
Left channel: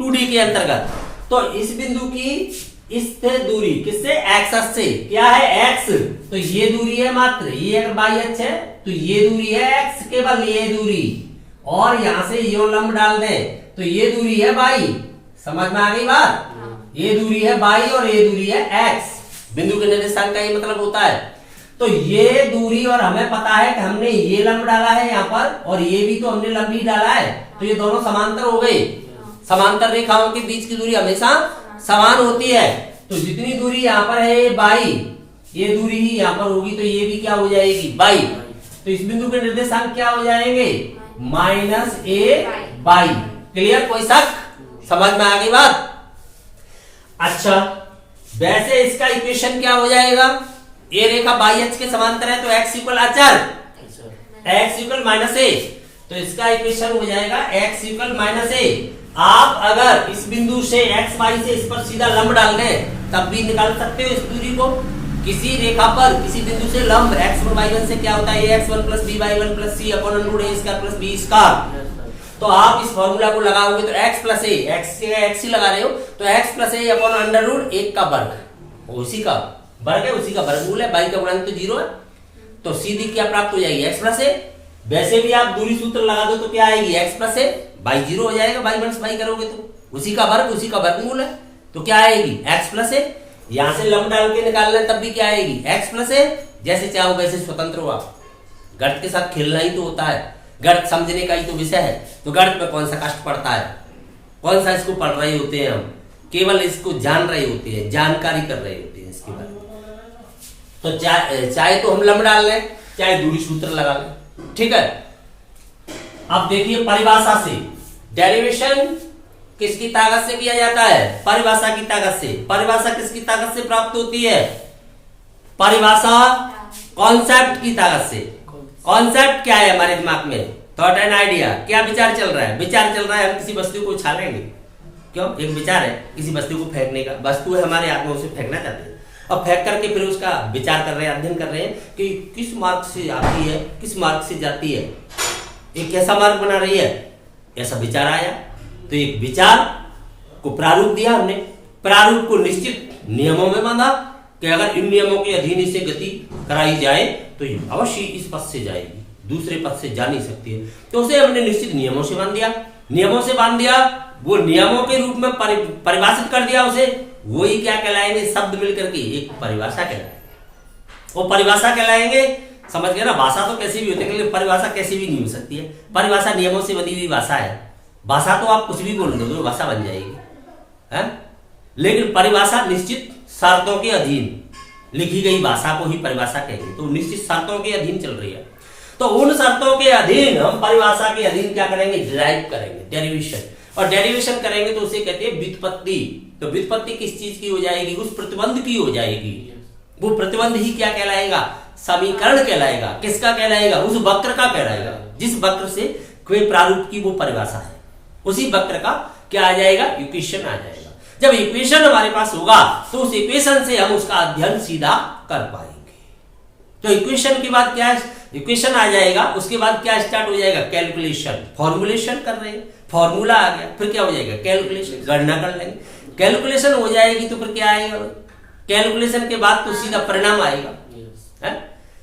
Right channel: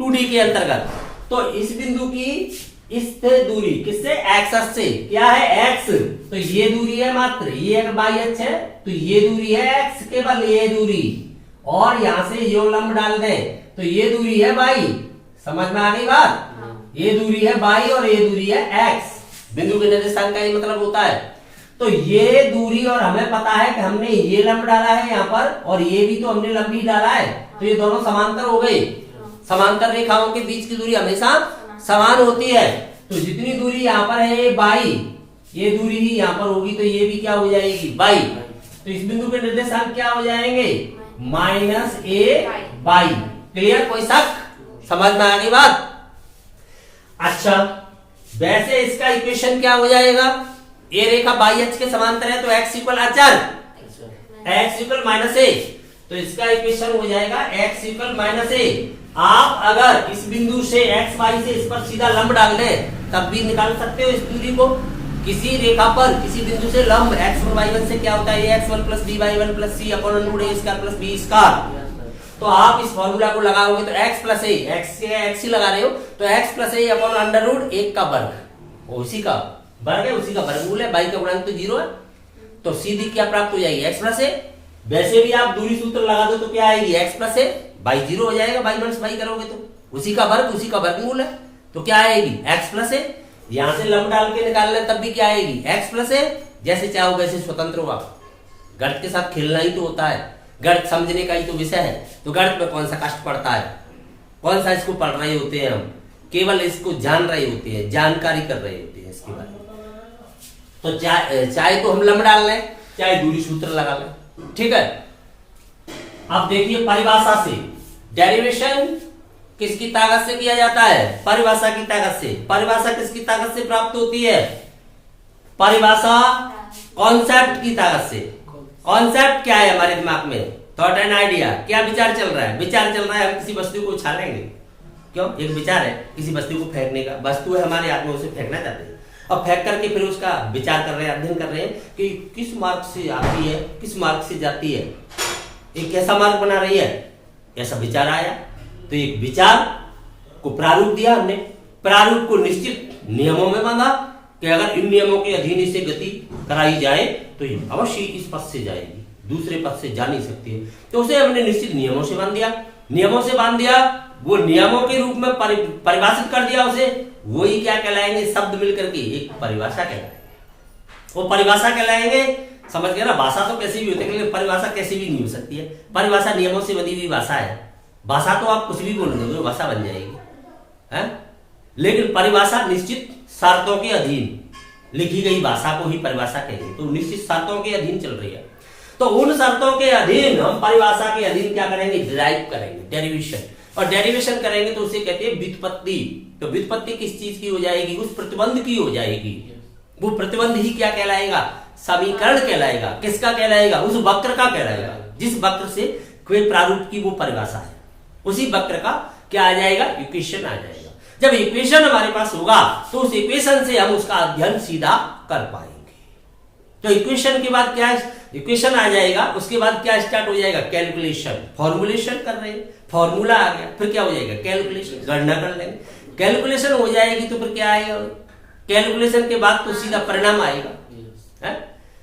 2D के अंतर्गत। तो इस बिंदु की स्थिर दूरी किससे? x अक्ष से। क्या है? x। तो ये दूरी है मात्र, ये अगर y अक्ष है तो ये दूरी है x, केवल ये दूरी, और यहां से यो लंब डाल दें तो ये दूरी है y। समझ में आ गई बात? ये दूरी है y और ये दूरी है x। बिंदु के निर्देशांक का ये मतलब होता है। तो ये दूरी, और हमें पता है कि हमने ये लंब डाला है यहाँ पर, और ये भी तो हमने लंब ही डाला है, तो ये दोनों समांतर हो गए। समांतर रेखाओं के बीच की दूरी हमेशा समान होती है। तो जितनी दूरी यहाँ पर है ये y, ये दूरी ही यहाँ पर होगी, तो ये भी क्या हो जाएगी? y। तो इस बिंदु के निर्देशांक क्या हो जाएंगे? -a y। क्लियर? कोई शक? समझ में आ गई बात? अच्छा, वैसे इसका इक्वेशन क्या हो जाएगा? ये रेखा बाई अक्ष के समांतर है तो x इक्वल अचर, x इक्वल -a, तो इसका इक्वेशन हो जाएगा x इक्वल -a। आप अगर इस बिंदु से x y से इस पर सीधा लंब डाल दें तब भी निकाल सकते हो इस दूरी को। किसी रेखा पर किसी बिंदु से लंब x1 y1 से क्या होता है? x1 + by1 + c upon √a² + b²। तो आप इस फॉर्मूला को लगाओगे तो x + a, x ही लगा रहे हो, तो x + a अपॉन √1 का वर्ग, उसी का वर्ग है, उसी का वर्गमूल है। y का गुणांक तो 0 है, तो सीधी क्या प्राप्त हो जाएगी? x + a। वैसे भी आप दूरी सूत्र लगा दो तो क्या आएगी? x + a, y 0 हो जाएगा, y - y करोगे तो उसी का वर्ग, उसी का वर्गमूल है, तो क्या आएगी? x + a। यहां से लंब डाल के निकाल लें तब भी क्या आएगी? x + a। जैसे चाहो वैसे स्वतंत्र हो आप, गणित के साथ खेलना ही तो होता है, गणित समझने का ही तो विषय है। तो गणित में कौन सा कष्ट पड़ता है? कौन सा इसको पढ़ रहे होते हैं हम? केवल इसको जान रहे होते हैं, जानकारी कर रहे होते हैं इसके बारे में। तो चाहे तो हम लंब डाल लें, चाहे दूरी सूत्र लगा लें, ठीक है। अब देखिए परिभाषा से डेरिवेशन किसकी ताकत से किया जाता है? परिभाषा की ताकत से। परिभाषा किसकी ताकत से प्राप्त होती है? परिभाषा कॉन्सेप्ट की ताकत से। कॉन्सेप्ट क्या है हमारे दिमाग में? Thought and idea. क्या विचार चल रहा है? विचार चल रहा है हम किसी वस्तु को उछालेंगे, क्यों? एक विचार है किसी वस्तु को फेंकने का, वस्तु है हमारे हाथ में, उसे फेंकना चाहते हैं। अब फेंक करके फिर उसका विचार कर रहे हैं, अध्ययन कर रहे हैं कि किस मार्ग से आती है, किस मार्ग से जाती है, एक कैसा मार्ग बना रही है, ऐसा विचार आया। तो एक विचार को प्रारूप दिया हमने, प्रारूप को निश्चित नियमों में बांधा कि अगर इन नियमों के अधीन इसे गति कराई जाए तो ये अवश्य इस पथ से जाएगी, दूसरे पथ से जा नहीं सकती है। तो उसे हमने निश्चित नियमों से बांध दिया, नियमों से बांध दिया, वो नियमों के रूप में परिभाषित कर दिया उसे। वही क्या कहलाएंगे, शब्द मिलकर के एक परिभाषा कहलाएंगे। वो परिभाषा कहलाएंगे, समझ गए ना। भाषा तो कैसी भी होती है लेकिन परिभाषा कैसी भी नहीं हो सकती है। परिभाषा नियमों से बनी हुई भाषा है। भाषा तो आप कुछ भी बोल दोगे वो भाषा बन जाएगी, है? लेकिन परिभाषा निश्चित शर्तों के अधीन लिखी गई भाषा को ही परिभाषा कहेंगे। तो निश्चित शर्तों के अधीन चल रही है, तो उन शर्तों के अधीन हम परिभाषा के अधीन क्या करेंगे, डिराइव करेंगे, डेरिवेशन। और डेरिवेशन करेंगे तो उसे कहते हैं व्युत्पत्ति। तो व्युत्पत्ति किस चीज की हो जाएगी, उस प्रतिबंध की हो जाएगी। वो प्रतिबंध ही क्या कहलाएगा, समीकरण कहलाएगा। किसका कहलाएगा, उस वक्र का कहलाएगा, जिस वक्र से कोई प्रारूप की वो परिभाषा है, उसी वक्र का क्या आ जाएगा, इक्वेशन आ जाएगा। जब इक्वेशन हमारे पास होगा तो उस इक्वेशन से हम उसका अध्ययन सीधा कर पाएंगे। तो इक्वेशन के बाद क्या, इक्वेशन आ जाएगा, उसके बाद क्या स्टार्ट हो जाएगा, कैलकुलेशन। फॉर्मुलेशन कर रहे हैं, फॉर्मूला आ गया, फिर क्या हो जाएगा, कैलकुलेशन, गणना कर लेंगे। कैलकुलेशन हो जाएगी तो फिर क्या आएगा, कैलकुलेशन के बाद तो सीधा परिणाम आएगा, है?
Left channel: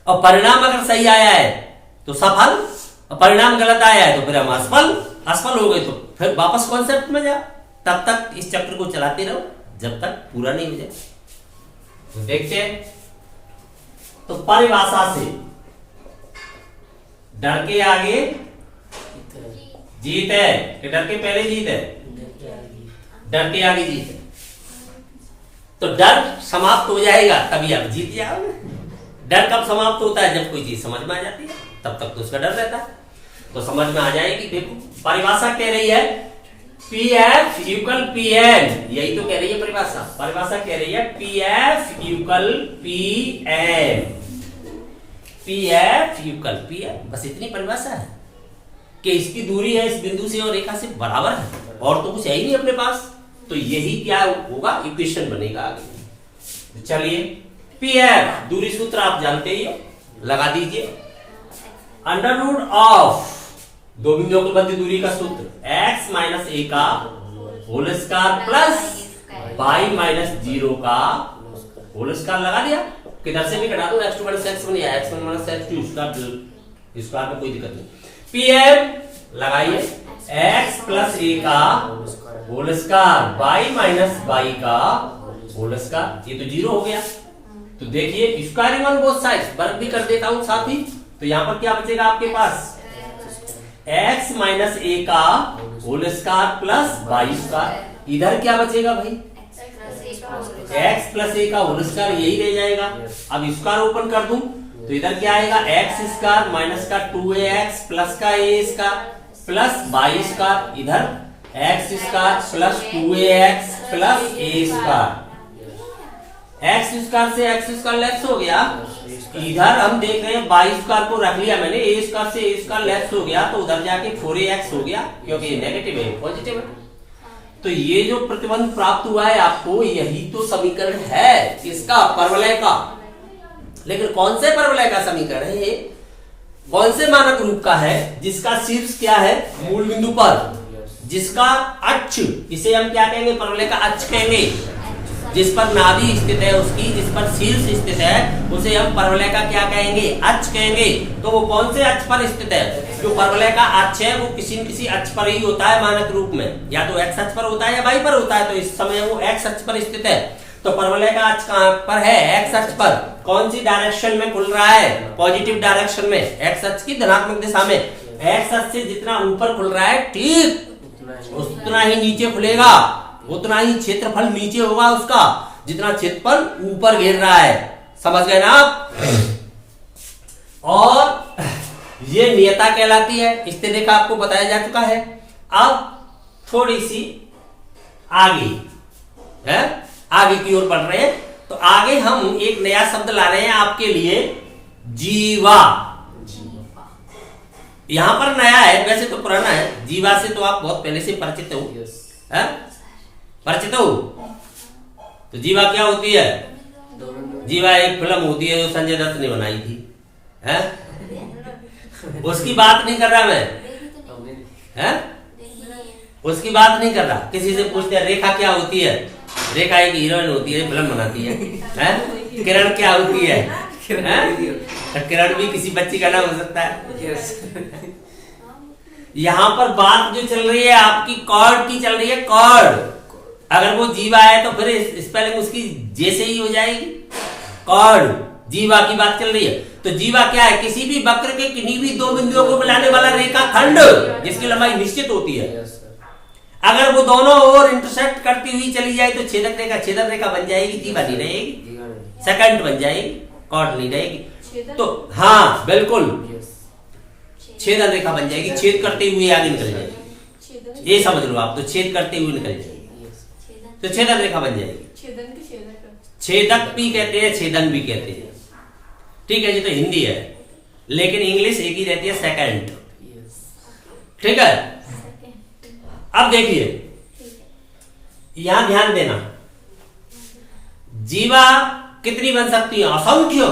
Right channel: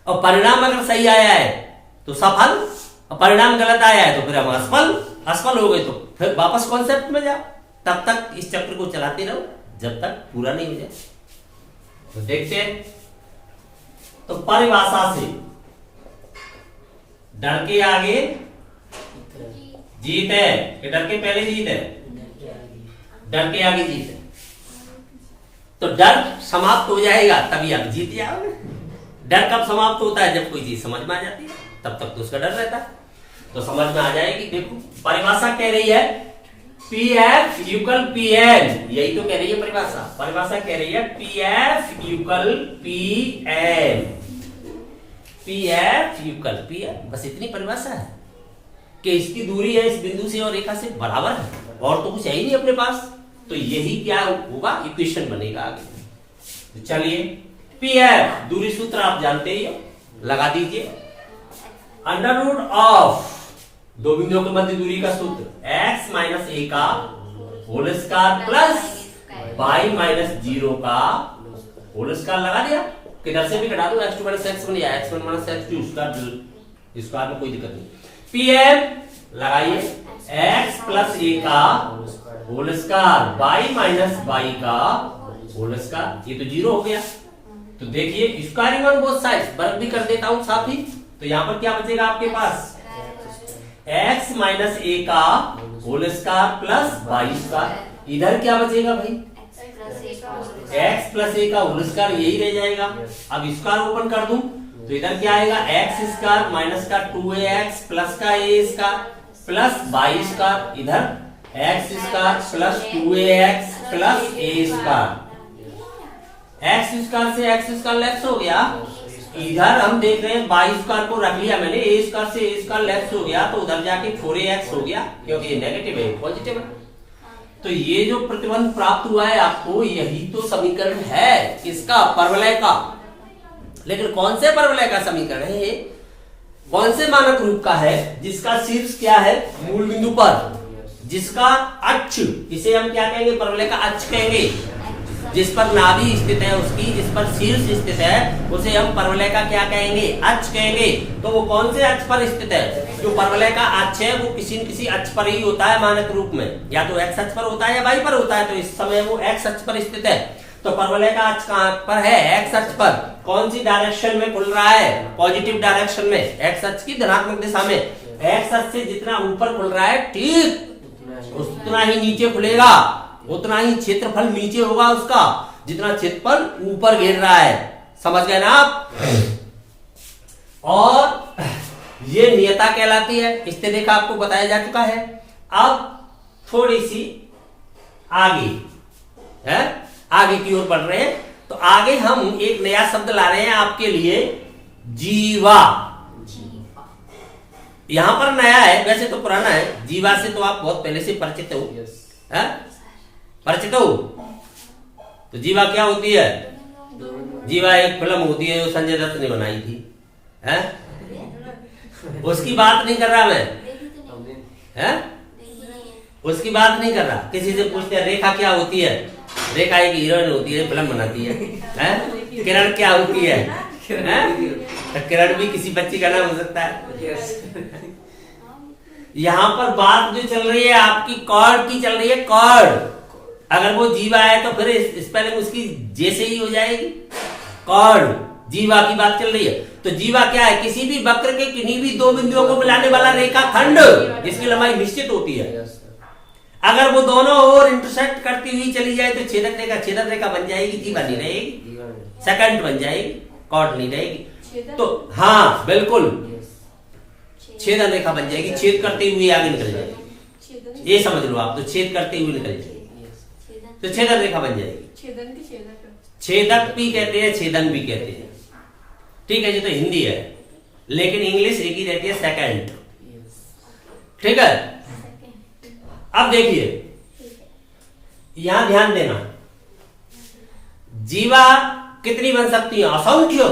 और परिणाम अगर सही आया है तो सफल, और परिणाम गलत आया है तो फिर हम असफल। असफल हो गए तो फिर वापस कॉन्सेप्ट में जा। तब तक इस चक्र को चलाते रहो जब तक पूरा नहीं हो जाए। तो देखते हैं, तो परिभाषा से डर के आगे जीत है कि डर के पहले जीत है, डर के आगे जीत है। तो डर समाप्त हो जाएगा तभी आप जीत जाओगे। डर कब समाप्त होता है, जब कोई चीज समझ में आ जाती है, तब तक तो उसका डर रहता है। तो समझ में आ जाएगी। देखो परिभाषा कह रही है P F equal P N, यही तो कह रही है परिभाषा। परिभाषा कह रही है P F equal P N, P F equal P N. बस इतनी परिभाषा है कि इसकी दूरी है इस बिंदु से और रेखा से बराबर है, और तो कुछ है ही नहीं अपने पास। तो यही क्या होगा, इक्वेशन बनेगा आगे। तो चलिए, पी एफ दूरी सूत्र आप जानते ही हो, लगा दीजिए। अंडर रूट ऑफ दो बिंदुओं के मध्य दूरी का सूत्र x माइनस ए का whole square plus y minus 0 का होल स्क्वायर लगा दिया। किधर से भी घटा दो, x2 माइनस x1 या x1 माइनस x2 स्क्वायर में कोई दिक्कत नहीं। pm लगाइए x प्लस ए का whole square y minus y का होल स्क्वायर, ये तो 0 हो गया। तो देखिए स्क्वायरिंग ऑन बोथ साइड्स, वर्ग भी कर देता हूं साथ ही। तो यहां पर क्या बचेगा आपके पास, x माइनस ए का whole square plus Y square. इधर क्या बचेगा भाई, x प्लस ए का होल स्क्वायर, यही रह जाएगा। अब स्क्वायर ओपन कर दूं तो इधर क्या आएगा, एक्स स्क्वायर माइनस का 2ax प्लस का a square plus Y square, इधर x square plus 2ax plus a square. X square से एक्स स्क्वायर लेफ्ट हो गया, इधर हम देख रहे हैं वाई स्क्वायर को रख लिया मैंने, ए स्क्वायर से ए स्क्वायर लेफ्ट हो गया, तो उधर जाके 4ax हो गया, क्योंकि नेगेटिव है पॉजिटिव है। तो ये जो प्रतिबंध प्राप्त हुआ है आपको, यही तो समीकरण है किसका, परवलय का। लेकिन कौन से परवलय का समीकरण है ये, कौन से मानक रूप का है, जिसका शीर्ष क्या है, मूल बिंदु पर, जिसका अक्ष, इसे हम क्या कहेंगे, परवलय का अक्ष कहेंगे। जिस पर नाभि स्थित है उसकी, जिस पर शीर्ष स्थित है, उसे हम परवलय का क्या कहेंगे, अक्ष कहेंगे। तो वो कौन से अक्ष पर स्थित है, जो परवलय का अक्ष है वो किसी न किसी अक्ष पर ही होता है मानक रूप में, या तो एक्स अक्ष पर होता है या वाई पर होता है। तो इस समय वो एक्स अक्ष पर स्थित है। तो परवलय का अक्ष कहां पर है, एक्स अक्ष पर। कौन सी डायरेक्शन में खुल रहा है, पॉजिटिव डायरेक्शन में, एक्स अक्ष की धनात्मक दिशा में। एक्स अक्ष से जितना ऊपर खुल रहा है ठीक उतना ही नीचे खुलेगा, उतना ही क्षेत्रफल नीचे होगा उसका, जितना क्षेत्रफल ऊपर घेर रहा है। समझ गए ना आप। और ये नियता कहलाती है, इससे देखा आपको बताया जा चुका है। अब थोड़ी सी आगे है, आगे की ओर बढ़ रहे हैं। तो आगे हम एक नया शब्द ला रहे हैं आपके लिए, जीवा। यहां पर नया है, वैसे तो पुराना है। जीवा से तो आप बहुत पहले से परिचित हो, परिचित हो। तो जीवा क्या होती है, जीवा एक फिल्म होती है जो संजय दत्त ने बनाई थी, है? उसकी बात नहीं कर रहा मैं, है? उसकी बात नहीं कर रहा। किसी से पूछते हैं रेखा क्या होती है, रेखा एक हीरोइन होती है, फिल्म बनाती है? किरण क्या होती है? तो किरण भी किसी बच्ची का नाम हो सकता है। यहाँ पर बात जो चल रही है आपकी कॉर्ड की चल रही है, कॉर्ड। अगर वो जीवा है तो फिर स्पेलिंग उसकी जैसे ही हो जाएगी, कॉर्ड। जीवा की बात चल रही है तो जीवा क्या है? किसी भी वक्र के किन्हीं भी दो बिंदुओं को मिलाने वाला रेखाखंड जिसकी लंबाई निश्चित होती है। अगर वो दोनों ओर इंटरसेक्ट करती हुई चली जाए तो छेदन रेखा बन जाएगी, जीवा नहीं रहेगी, सेकंड बन जाएगी, कॉर्ड नहीं रहेगी। तो हाँ बिल्कुल, छेदन रेखा बन जाएगी, छेद करते हुए आगे निकल जाएगी। ये समझ लो आप, तो छेद करते हुए निकल जाएगी तो छेदन रेखा बन जाएगी। छेदक भी कहते हैं, छेदन भी कहते हैं। ठीक है जी, तो हिंदी है लेकिन इंग्लिश एक ही रहती है, सेकंड। ठीक है, अब देखिए यहां ध्यान देना, जीवा कितनी बन सकती है? असंख्य।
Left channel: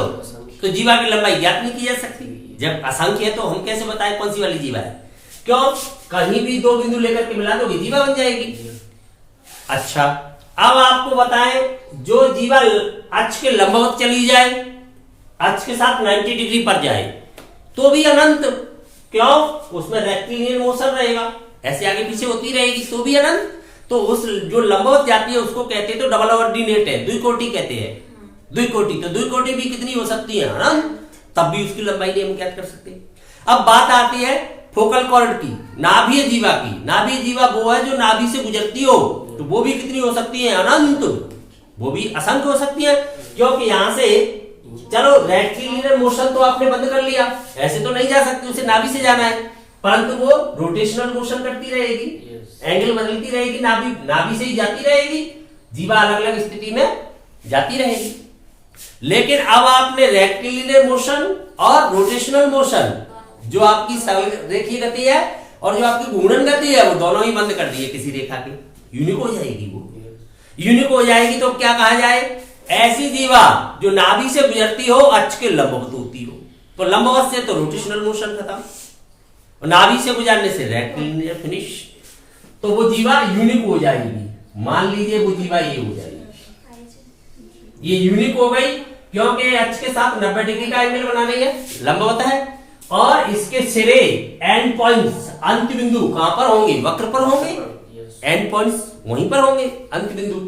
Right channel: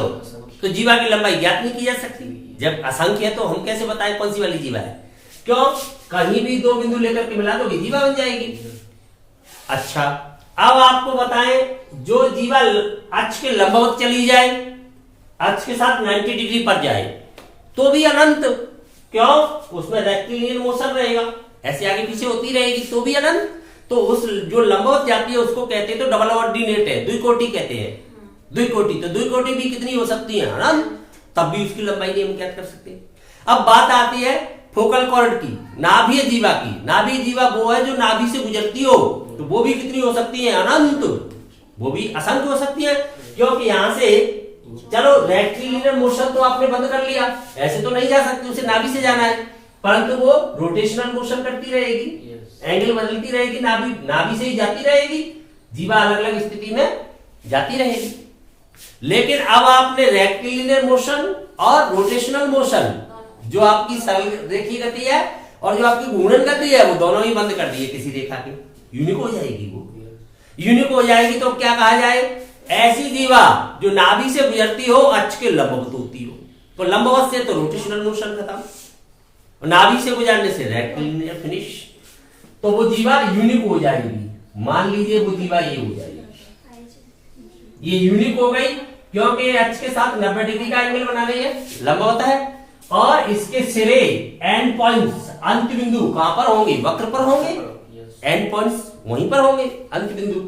तो जीवा की लंबाई ज्ञात नहीं की जा सकती। जब असंख्य है तो हम कैसे बताएं कौन सी वाली जीवा है? क्यों? कहीं भी दो बिंदु लेकर के मिला दोगे जीवा बन जाएगी। अच्छा, अब आपको बताएं जो जीवा अक्ष के लंबवत चली जाए, अक्ष के साथ 90 डिग्री पर जाए तो भी अनंत। क्यों? उसमें रेक्टिलिनियर मोशन रहेगा, ऐसे आगे पीछे होती रहेगी तो भी अनंत। तो उस जो लंबवत जाती है उसको कहते हैं, तो डबल ऑर्डिनेट है, द्विकोटि कहते हैं, द्विकोटि। तो द्विकोटि भी कितनी हो सकती है? अनंत। तब भी उसकी लंबाई नहीं हम ज्ञात कर सकते। अब बात आती है फोकल कॉर्ड की, नाभि जीवा की। नाभि जीवा वो है जो नाभि से गुजरती हो, तो वो भी कितनी हो सकती है? अनंत। वो भी असंख्य हो सकती है, क्योंकि यहां से चलो रेक्टिलिनियर मोशन तो आपने बंद कर लिया, ऐसे तो नहीं जा सकती, उसे नाभि से जाना है, परंतु वो रोटेशनल मोशन करती रहेगी, एंगल बदलती रहेगी, नाभि से ही जाती रहेगी, जीवा अलग अलग स्थिति में जाती रहेगी। लेकिन अब आपने रेक्टिलिनियर मोशन और रोटेशनल मोशन, जो आपकी सरल रेखीय गति है और जो आपकी घूर्णन गति है, वो दोनों ही बंद कर दिए किसी रेखा के, यूनिक हो जाएगी। वो यूनिक हो जाएगी तो क्या कहा जाए? ऐसी जीवा जो नाभि से गुजरती हो, अक्ष के लंबवत होती हो। तो लंबवत से तो रोटेशनल मोशन खत्म, और नाभि से गुजरने से रेक्टिलिनियर फिनिश। तो वो जीवा यूनिक हो जाएगी। मान लीजिए वो जीवा ये हो जाएगी, ये यूनिक हो गई क्योंकि अक्ष के साथ 90 डिग्री का एंगल बना रही है, लंबवत है, और इसके सिरे एंड पॉइंट्स, अंत बिंदु कहां पर होंगे? वक्र पर होंगे, एंड पॉइंट्स वहीं पर होंगे, अंत बिंदु।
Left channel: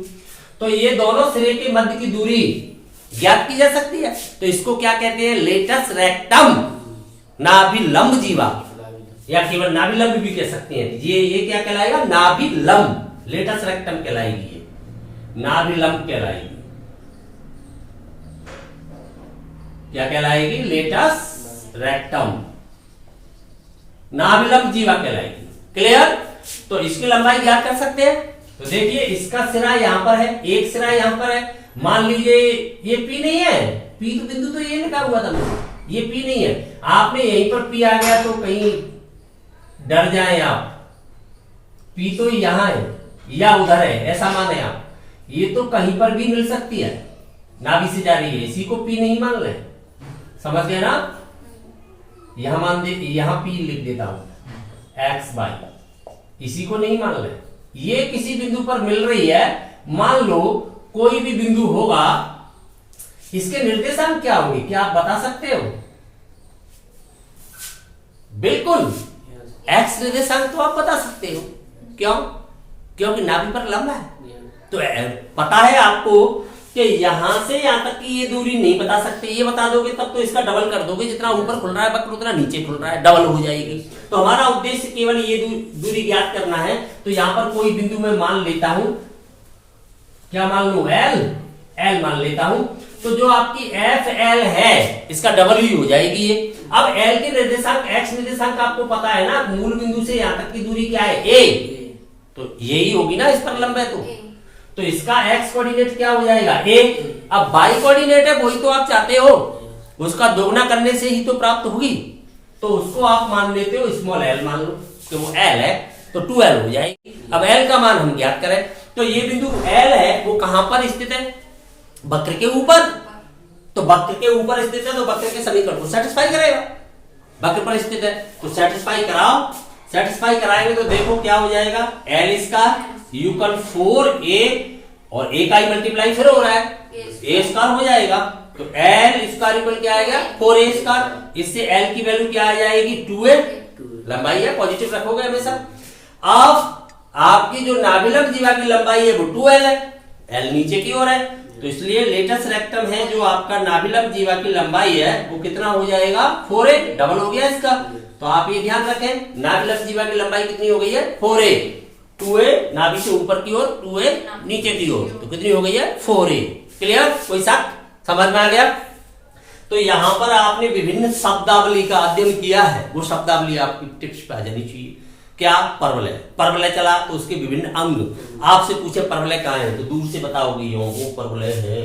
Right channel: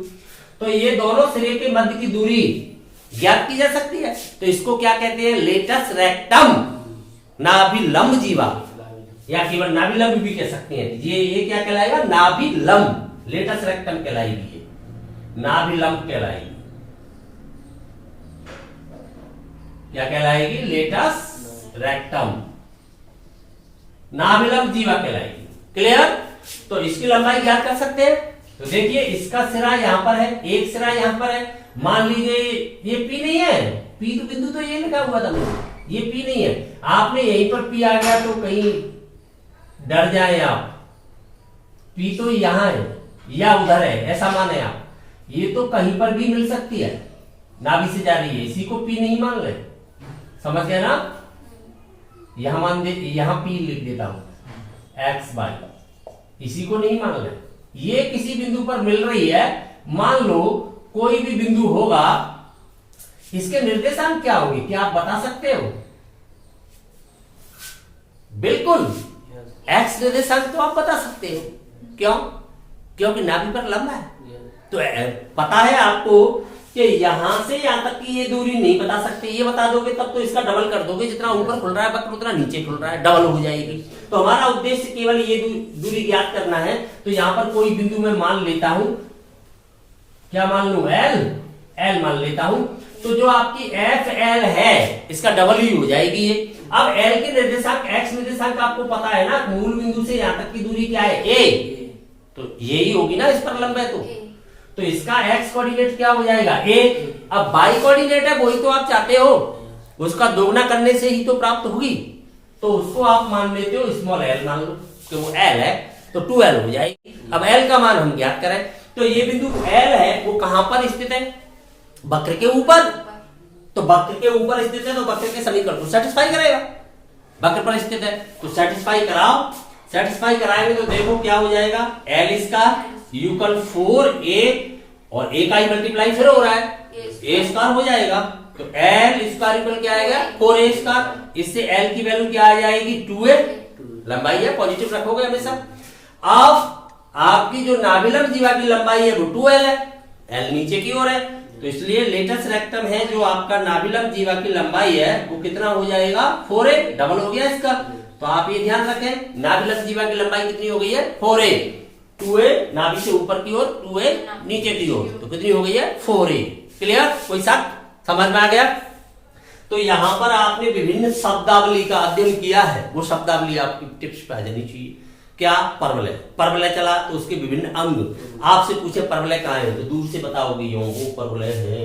तो ये दोनों सिरे के मध्य की दूरी ज्ञात की जा सकती है। तो इसको क्या कहते हैं? लेटस रेक्टम नाभिलंब जीवा, या केवल नाभिलंब भी कह सकते हैं। ये क्या कहलाएगा? नाभिलंब, लेटस रेक्टम कहलाएगी, ये नाभिलंब कहलाएगी। क्या कहलाएगी? लेटस रेक्टम, नाभिलंब जीवा कहलाएगी। क्लियर? तो इसकी लंबाई ज्ञात कर सकते हैं। तो देखिए इसका सिरा यहां पर है, एक सिरा यहां पर है। मान लीजिए ये पी नहीं है, पी तो बिंदु तो ये लिखा हुआ था, ये पी नहीं है, आपने यहीं पर पी आ गया तो कहीं डर जाए आप, पी तो यहां है या उधर है ऐसा माने आप, ये तो कहीं पर भी मिल सकती है, नाभि से जा रही है, इसी को पी नहीं मान ले। समझ गए ना? यहां मान दे, यहां पी लिख देता हूं एक्स बाई, इसी को नहीं मान ले। ये किसी बिंदु पर मिल रही है, मान लो कोई भी बिंदु होगा, इसके निर्देशांक क्या होंगे? क्या आप बता सकते हो? बिल्कुल, एक्स निर्देशांक तो आप बता सकते हो। क्यों? क्योंकि नाभि पर लंबा है। तो पता है आपको कि यहां से यहां तक की ये दूरी नहीं बता सकते, ये बता दोगे तब तो इसका डबल कर दोगे, जितना ऊपर खुल रहा है वक्र उतना नीचे खुल रहा है, डबल हो जाएगी। तो हमारा उद्देश्य केवल ये दूरी ज्ञात करना है। तो यहां पर कोई बिंदु मैं मान लेता हूं, क्या मान लू? एल मान लेता हूं। तो जो आपकी एफ एल है इसका डबल ही हो जाएगी ये। अब एल के निर्देशांक, एक्स निर्देशांक आपको पता है ना, मूल बिंदु से यहां तक की दूरी क्या है? ए। तो यही होगी ना, इस पर लंब है तो इसका एक्स कोऑर्डिनेट क्या हो जाएगा? ए। अब वाई कोऑर्डिनेट है, वही तो आप चाहते हो, उसका दोगुना करने से ही तो प्राप्त होगी, तो उसको आप मान लेते हो स्मॉल एल मान लो, कि वो एल है तो 2l हो जाएगी। अब एल का मान हम ज्ञात करें, तो ये बिंदु एल है वो कहां पर स्थित है? वक्र के ऊपर, तो वक्र के ऊपर स्थित है तो वक्र के समीकरण को सेटिस्फाई करेगा। वक्र पर स्थित है तो सेटिस्फाई कराओ, सेटिस्फाई कराएंगे तो देखो क्या हो जाएगा, एल स्क्वायर इक्वल 4a और a का ही मल्टीप्लाई फिर हो रहा है, a स्क्वायर हो जाएगा तो एल स्क्वायर इक्वल क्या आएगा 4a स्क्वायर। इससे एल की वैल्यू क्या आ जाएगी 2a, लंबाई है पॉजिटिव रखोगे हमेशा। अब आपकी जो नाभिलंब जीवा की लंबाई है वो 2l है, एल नीचे की ओर है तो इसलिए लेटस रेक्टम है जो आपका नाभिलंब जीवा की लंबाई है वो कितना हो जाएगा 4a, डबल हो गया इसका। तो आप ये ध्यान रखें नाभिलंब जीवा की लंबाई कितनी हो गई है 4a, 2a नाभि से ऊपर की ओर 2a नीचे की ओर, तो कितनी हो गई है 4a। क्लियर, कोई शक, समझ में आ गया। तो यहां पर आपने विभिन्न शब्दावली का अध्ययन किया है, वो शब्दावली आपकी टिप्स पे आ जानी चाहिए। क्या, परवलय, परवलय चला तो उसके विभिन्न अंग, आपसे पूछे परवलय कहाँ है तो दूर से बताओगे यो वो परवलय है,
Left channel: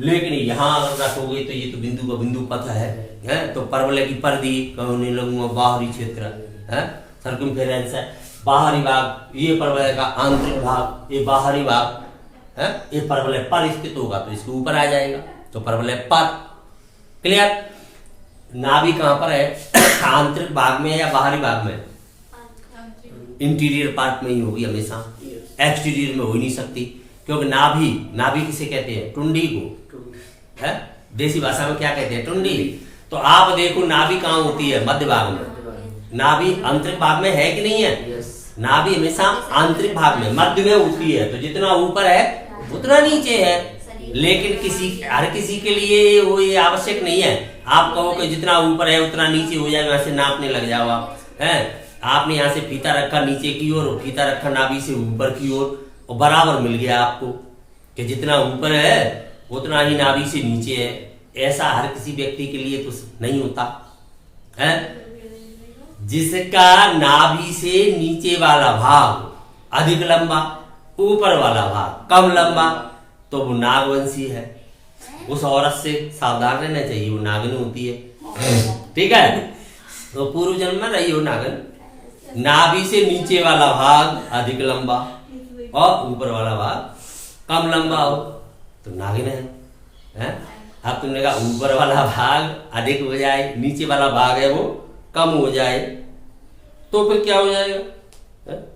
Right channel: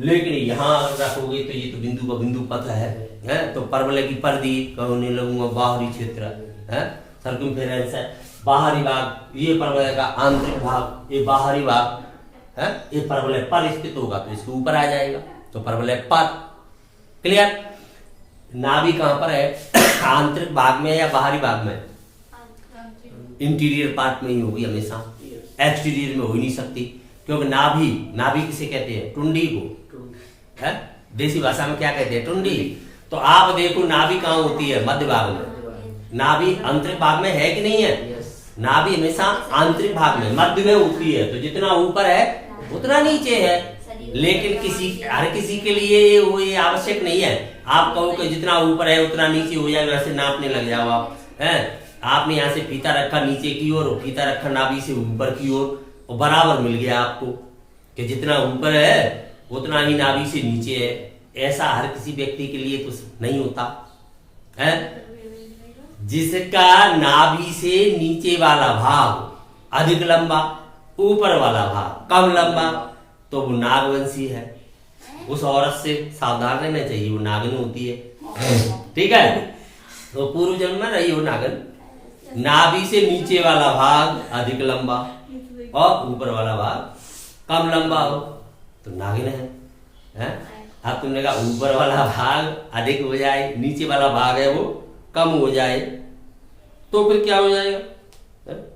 लेकिन यहां रखोगे तो ये तो बिंदु का बिंदु पथ है तो परवलय की परिधि कहने लगूंगा बाहरी क्षेत्र है, सर्कमफेरेंस है, बाहरी भाग, ये परवलय का आंतरिक भाग, ये बाहरी भाग है, ये परवलय पर स्थित होगा तो इसके ऊपर आ जाएगा तो परवलय पर। क्लियर, नाभि कहां पर है आंतरिक भाग में या बाहरी भाग में, इंटीरियर पार्ट में ही होगी हमेशा, एक्सटीरियर में हो ही नहीं सकती क्योंकि नाभि, नाभि किसे कहते हैं टुंडी को है, देसी भाषा में क्या कहते हैं टुंडी। तो आप देखो नाभि कहाँ होती है मध्य भाग में, नाभि आंतरिक भाग में है कि नहीं है, नाभि हमेशा आंतरिक भाग में मध्य में होती है तो जितना ऊपर है उतना नीचे है, लेकिन हर किसी के लिए वो ये आवश्यक नहीं है आप कहो कि जितना ऊपर है उतना नीचे हो जाए, वैसे नापने लग जाओ आप है। आपने यहाँ से फीता रखा नीचे की ओर और फीता रखा नाभि से ऊपर की ओर और बराबर मिल गया आपको कि जितना ऊपर है उतना ही नाभि से नीचे है, ऐसा हर किसी व्यक्ति के लिए तो नहीं होता है। जिसका नाभि से नीचे वाला भाग अधिक लंबा, ऊपर वाला भाग कम लंबा, तो वो नागवंशी है, उस औरत से सावधान रहना चाहिए, वो नागिन होती है। ठीक है, तो पूर्व जन्म में रही हो नागिन। नाभि से नीचे वाला भाग अधिक लंबा और ऊपर वाला भाग कम लंबा हो तो नागिन है। अब तुमने कहा ऊपर वाला भाग अधिक हो जाए, नीचे वाला भाग है वो कम हो जाए तो फिर क्या हो जाएगा,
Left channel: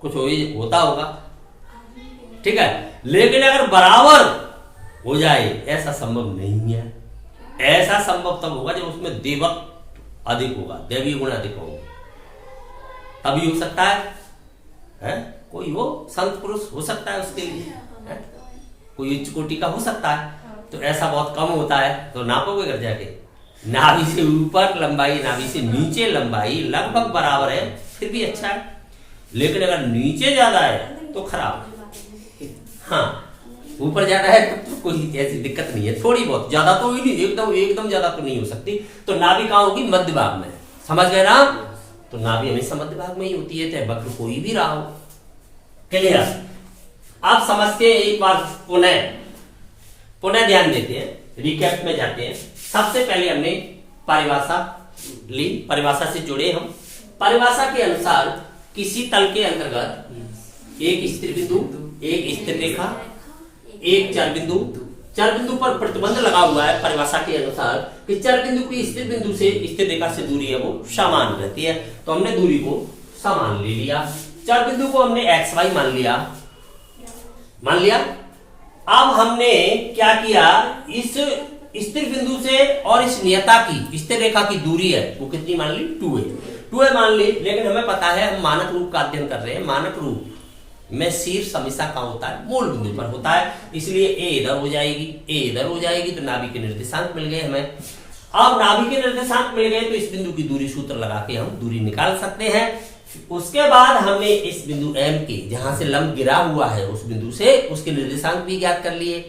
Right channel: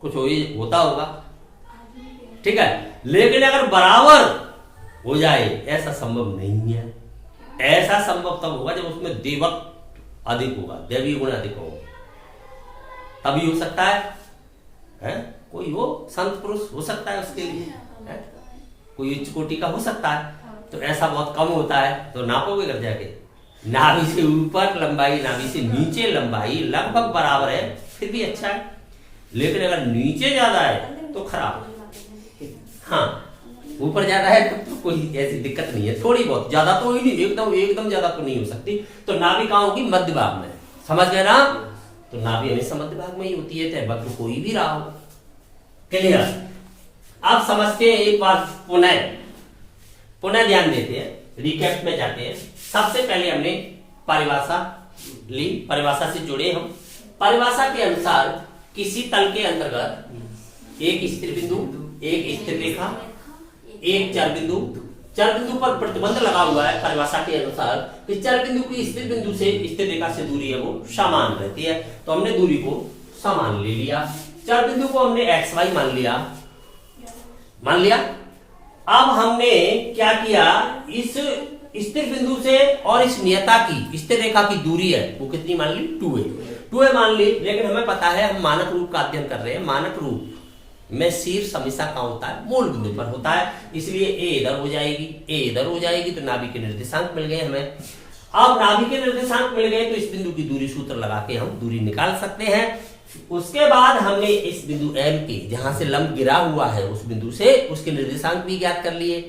कुछ होता होगा। ठीक है, लेकिन अगर बराबर हो जाए ऐसा संभव नहीं है, ऐसा संभव तब होगा जब उसमें देवत्व अधिक होगा, दैवीय गुण अधिक होगा, तभी हो सकता है? कोई हो संत पुरुष हो सकता है उसके लिए है? कोई उच्च कोटि का हो सकता है, तो ऐसा बहुत कम होता है तो नापोगे कर जाके, नाभि से ऊपर लंबाई नाभि से नीचे लंबाई लगभग बराबर है फिर भी अच्छा है, लेकिन अगर नीचे ज्यादा है तो खराब है। हाँ, ऊपर ज्यादा है तो कोई ऐसी दिक्कत नहीं है, थोड़ी बहुत, ज्यादा तो ही नहीं, एकदम ज्यादा तो नहीं हो सकती। तो नाभि कहाँ होगी मध्य भाग में, समझ गए ना। तो नाभि हमेशा मध्य भाग में ही होती है, चाहे वक्र कोई भी रहा हो। क्लियर, आप समझ के एक बार पुनः ध्यान देते हैं, रिकैप में जाते हैं। सबसे पहले हमने परिभाषा ली, परिभाषा से जुड़े हम। परिभाषा के अनुसार किसी तल के अंतर्गत एक स्थिर बिंदु, एक स्थिर रेखा, एक चर बिंदु पर प्रतिबंध लगा हुआ है परिभाषा के अनुसार कि चर बिंदु की स्थिर बिंदु से स्थिर रेखा से दूरी है वो समान रहती है, तो हमने दूरी को समान ले लिया। चर बिंदु को हमने xy मान लिया। अब हमने क्या किया, इस स्थिर बिंदु से और इस नियता की स्थिर रेखा की दूरी है वो कितनी मान ली 2a मान ली। लेकिन हमें पता है हम मानक रूप का अध्ययन कर रहे हैं, मानक रूप में शीर्ष हमेशा कहां होता है, मूल बिंदु पर होता है, इसलिए a इधर हो जाएगी तो नाभि के निर्देशांक मिल गए हमें। अब नाभि के निर्देशांक मिल गए तो इस बिंदु की दूरी सूत्र लगा के हम दूरी निकाल सकते हैं। उसके बाद हमने इस बिंदु M के जहां से लंब गिरा हुआ है उस बिंदु से उसके निर्देशांक भी ज्ञात कर लिए,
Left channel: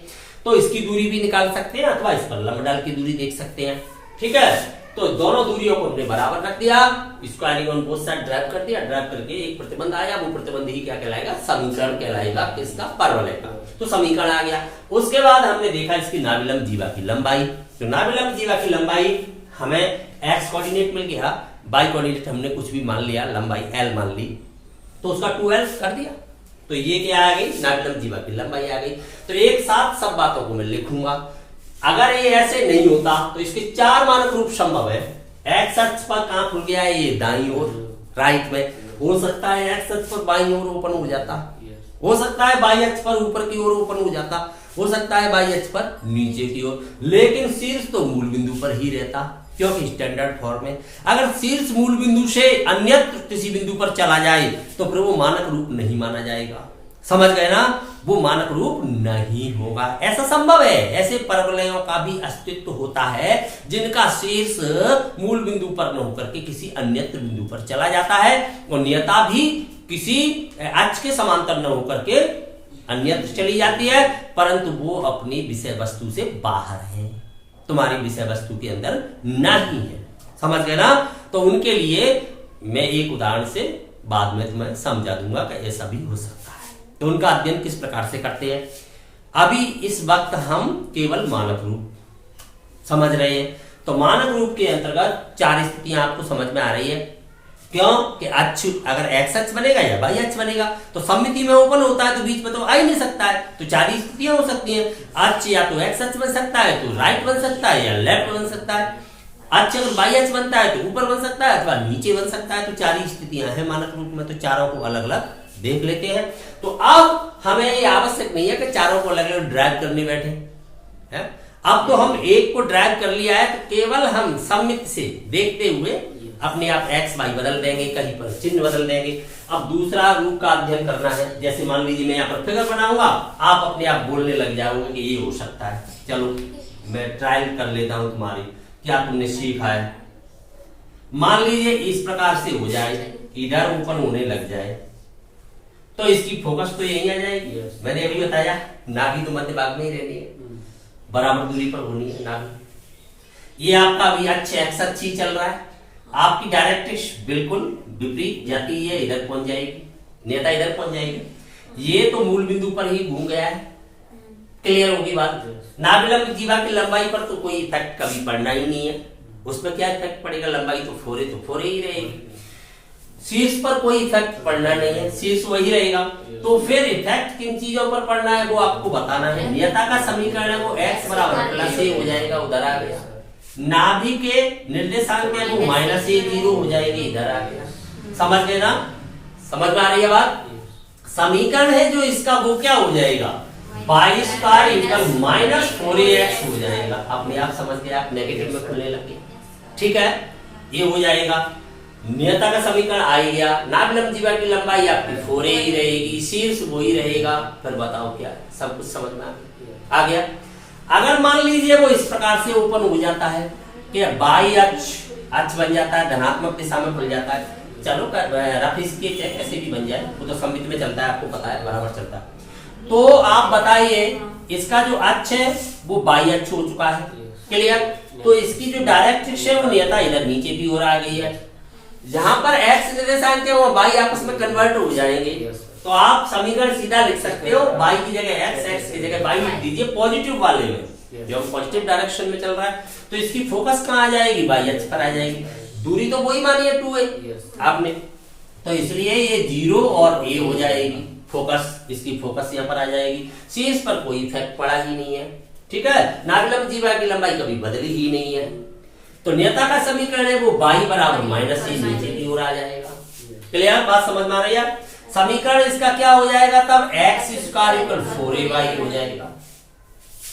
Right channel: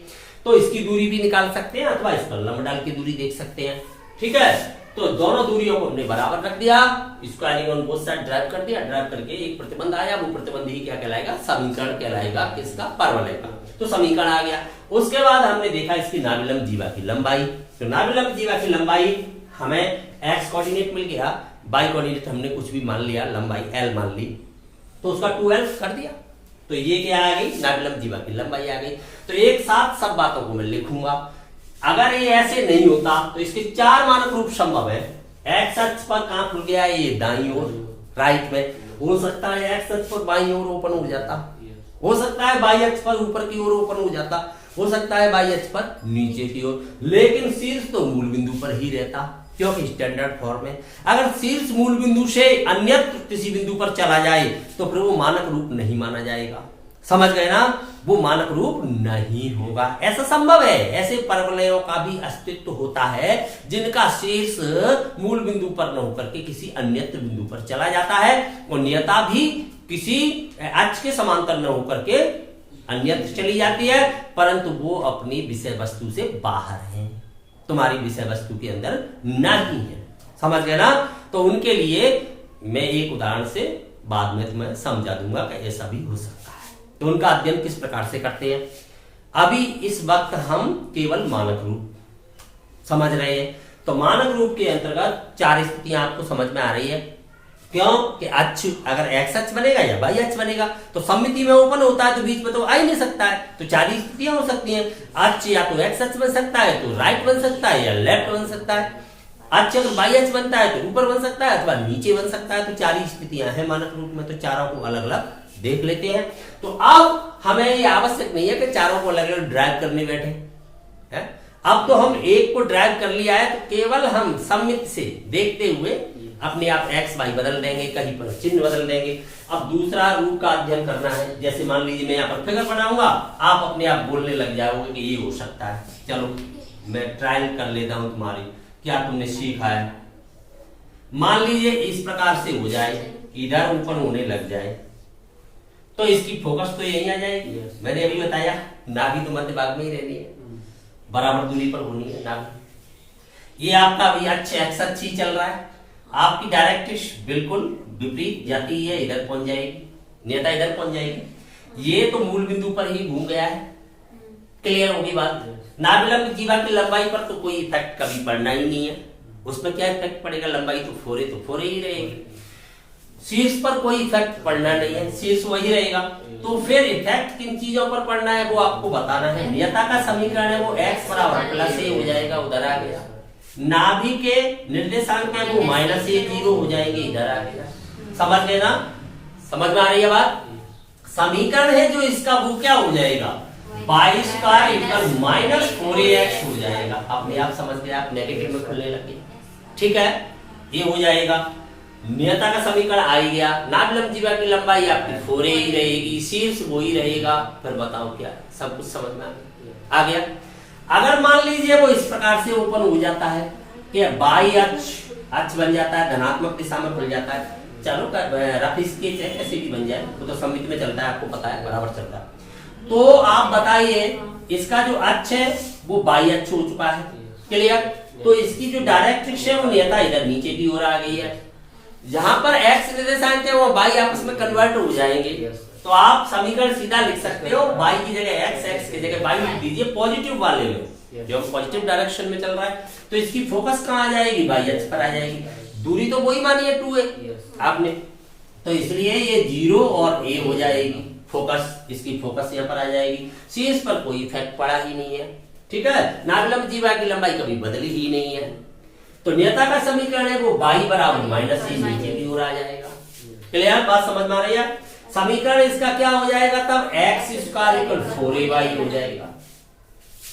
तो इसकी दूरी भी निकाल सकते हैं अथवा इस पर लंब डाल की दूरी देख सकते हैं। ठीक है, तो दोनों दूरियों को हमने बराबर रख दिया, squaring on both side drive कर दिया, ड्राइव करके एक प्रतिबंध आया, वो प्रतिबंध ही क्या कहलाएगा, समीकरण कहलाएगा किसका, परवलय का। तो समीकरण आ गया। उसके बाद हमने देखा इसकी नाभिलंब जीवा की लंबाई, तो नाभिलंब जीवा की लंबाई हमें एक्स कोऑर्डिनेट मिल गया, वाई कोऑर्डिनेट हमने कुछ भी मान लिया, लंबाई एल मान ली, तो उसका 2l कर दिया, तो ये क्या आ गई, नाभिलंब जीवा की लंबाई आ गई। तो एक साथ सब बातों को मैं लिखूंगा। अगर ये ऐसे नहीं होता तो इसके 4 मानक रूप संभव है। एक्स अक्ष पर कहां खुल गया है, ये दाईं ओर राइट में हो सकता है, एक्स अक्ष पर बाईं ओर ओपन हो जाता, हो सकता है बाई अक्ष पर ऊपर की ओर ओपन हो जाता, हो सकता है बाई अक्ष पर नीचे की ओर, लेकिन शीर्ष तो मूल बिंदु पर ही रहता, क्योंकि स्टैंडर्ड फॉर्म में अगर शीर्ष मूल बिंदु से अन्यत्र किसी बिंदु पर चला जाए तो फिर वो मानक रूप नहीं माना जाएगा। समझ गए ना, वो मानक रूप नहीं होगा। ऐसा संभव है, ऐसे परवलयों का भी अस्तित्व होता है जिनका शीर्ष मूल बिंदु पर न होकर के किसी अन्यत्र बिंदु पर चला जाता है और नियता भी किसी अक्ष के समांतर न होकर के अन्यत्र चली जाती है, परंतु वो अपनी विषय वस्तु से बाहर है, तुम्हारी विषय वस्तु के अंदर नहीं है। समझ गए ना, तो उनके लिए मैं एक उदाहरण से बाद में तुम्हें समझा दूंगा कि ऐसा भी हो सकता है। तो उनका अध्ययन किस प्रकार से करते हैं, अभी इस वक्त हम केवल मानक रूप समझ रहे हैं। तो मानक रूप के अंतर्गत 4 स्थितियां आपको समझ में आ रही है। क्यों कि अक्ष अगर एक्स अक्ष बनेगा या वाई अक्ष बनेगा तो सममिति में ओपन होता है, तो बीच में तो आ ही नहीं सकता है, तो 4 ही स्थितियां हो सकती हैं। अक्ष या तो एक्स अक्ष बन सकता है तो राइट बन सकता है या लेफ्ट बन सकता है, अक्ष अगर वाई अक्ष बनता है तो ऊपर बन सकता है अथवा नीचे बन सकता है। तो 4 ही स्थितियां हैं मानक रूप में, तो चारों को अलग अलग देख लेते हैं। तो अब हमें ये आवश्यक नहीं है कि चारों को अलग अलग ड्राइव करने बैठे है। अब तो हम एक को ड्राइव कर लिया है, तो केवल हम सममित से देखते हुए अपने आप एक्स वाई बदल देंगे, कहीं पर चिन्ह बदल देंगे। अब दूसरा रूप का अध्ययन करना है, जैसे मान लीजिए मैं यहाँ पर फिगर बनाऊंगा, आप अपने आप बोलने लग जाओगे कि ये हो सकता है। चलो मैं ट्रायल कर लेता हूं तुम्हारी, क्या तुमने सीखा है। मान लीजिए इस प्रकार से हो जाए, इधर ऊपर होने लग जाए, तो इसकी फोकस तो यही आ जाएगी। मैंने अभी बताया नाभि तो मध्य भाग में ही रहनी है, बराबर दूरी पर होनी है नाभि। ये आपका अभी अच्छे एक्स अक्ष ही चल रहा है, आपकी डायरेक्ट्रिक्स बिल्कुल विपरीत जाती है, इधर पहुंच जाएगी, नेता इधर पहुंच जाएगी। ये तो मूल बिंदु पर ही घूम गया है, क्लियर होगी बात। नाभिलंब जीवा की लंबाई पर तो कोई इफेक्ट कभी पड़ना ही नहीं है, उसमें क्या इफेक्ट पड़ेगा, लंबाई तो फोरे ही रहेगी। शीर्ष पर कोई इफेक्ट पड़ना नहीं है, शीर्ष वही रहेगा। तो फिर इफेक्ट किन चीजों पर पड़ना है वो आपको बताना है। नियता का समीकरण है वो x बराबर प्लस ए हो जाएगा, उधर आ गया। नाभि के निर्देशांक है वो माइनस ए 0 हो जाएंगे, इधर आ गया। समझ गए ना, समझ में आ रही है बात। समीकरण है जो इसका वो क्या हो जाएगा, 22 का इक्वल माइनस 4ax हो जाएगा। अपने आप समझ गए आप, नेगेटिव में खुलने लगे, ठीक है, ये हो जाएगा। नियता का समीकरण आ ही गया। नाभिलंब जीवा की लंबाई आपकी 4a ही रहेगी, शीर्ष वो ही रहेगा। फिर बताओ क्या, सब कुछ समझ में आ गया। अगर मान लीजिए वो इस प्रकार से ओपन हो जाता है कि बाई अक्ष बन जाता है, धनात्मक दिशा में खुल जाता है। चलो रफ स्केच है, कैसे भी बन जाए, वो तो सममिति में चलता है, आपको पता है, बराबर चलता है। तो आप बताइए इसका जो अक्ष है वो बाई अक्ष हो चुका है, क्लियर। तो इसकी जो डायरेक्ट्रिक्स है वो नियता इधर नीचे की ओर आ गई है। जहां पर एक्स निर्देशांक है वो बाई आपस में कन्वर्ट हो जाएंगे। तो आप समीकरण सीधा लिख सकते हो, बाई की जगह एक्स, एक्स की जगह बाई लिख दीजिए पॉजिटिव वाले में, जो पॉजिटिव डायरेक्शन में चल रहा है। तो इसकी फोकस कहां आ जाएगी, बाई अक्ष पर आ जाएगी। दूरी तो वही मानी है 2a आपने, तो इसलिए ये 0 और a हो जाएगी फोकस, इसकी फोकस यहाँ पर आ जाएगी। शीर्ष पर कोई इफेक्ट पड़ा ही नहीं है, ठीक है। नाभिलंब जीवा की लंबाई कभी बदली ही नहीं है। तो नियता का समीकरण है वो बाई बराबर माइनस ए नीचे की ओर आ जाएगा, क्लियर, बात समझ में आ रही है। समीकरण इसका क्या हो जाएगा तब, एक्स स्क्वायर इक्वल 4ay हो जाएगा,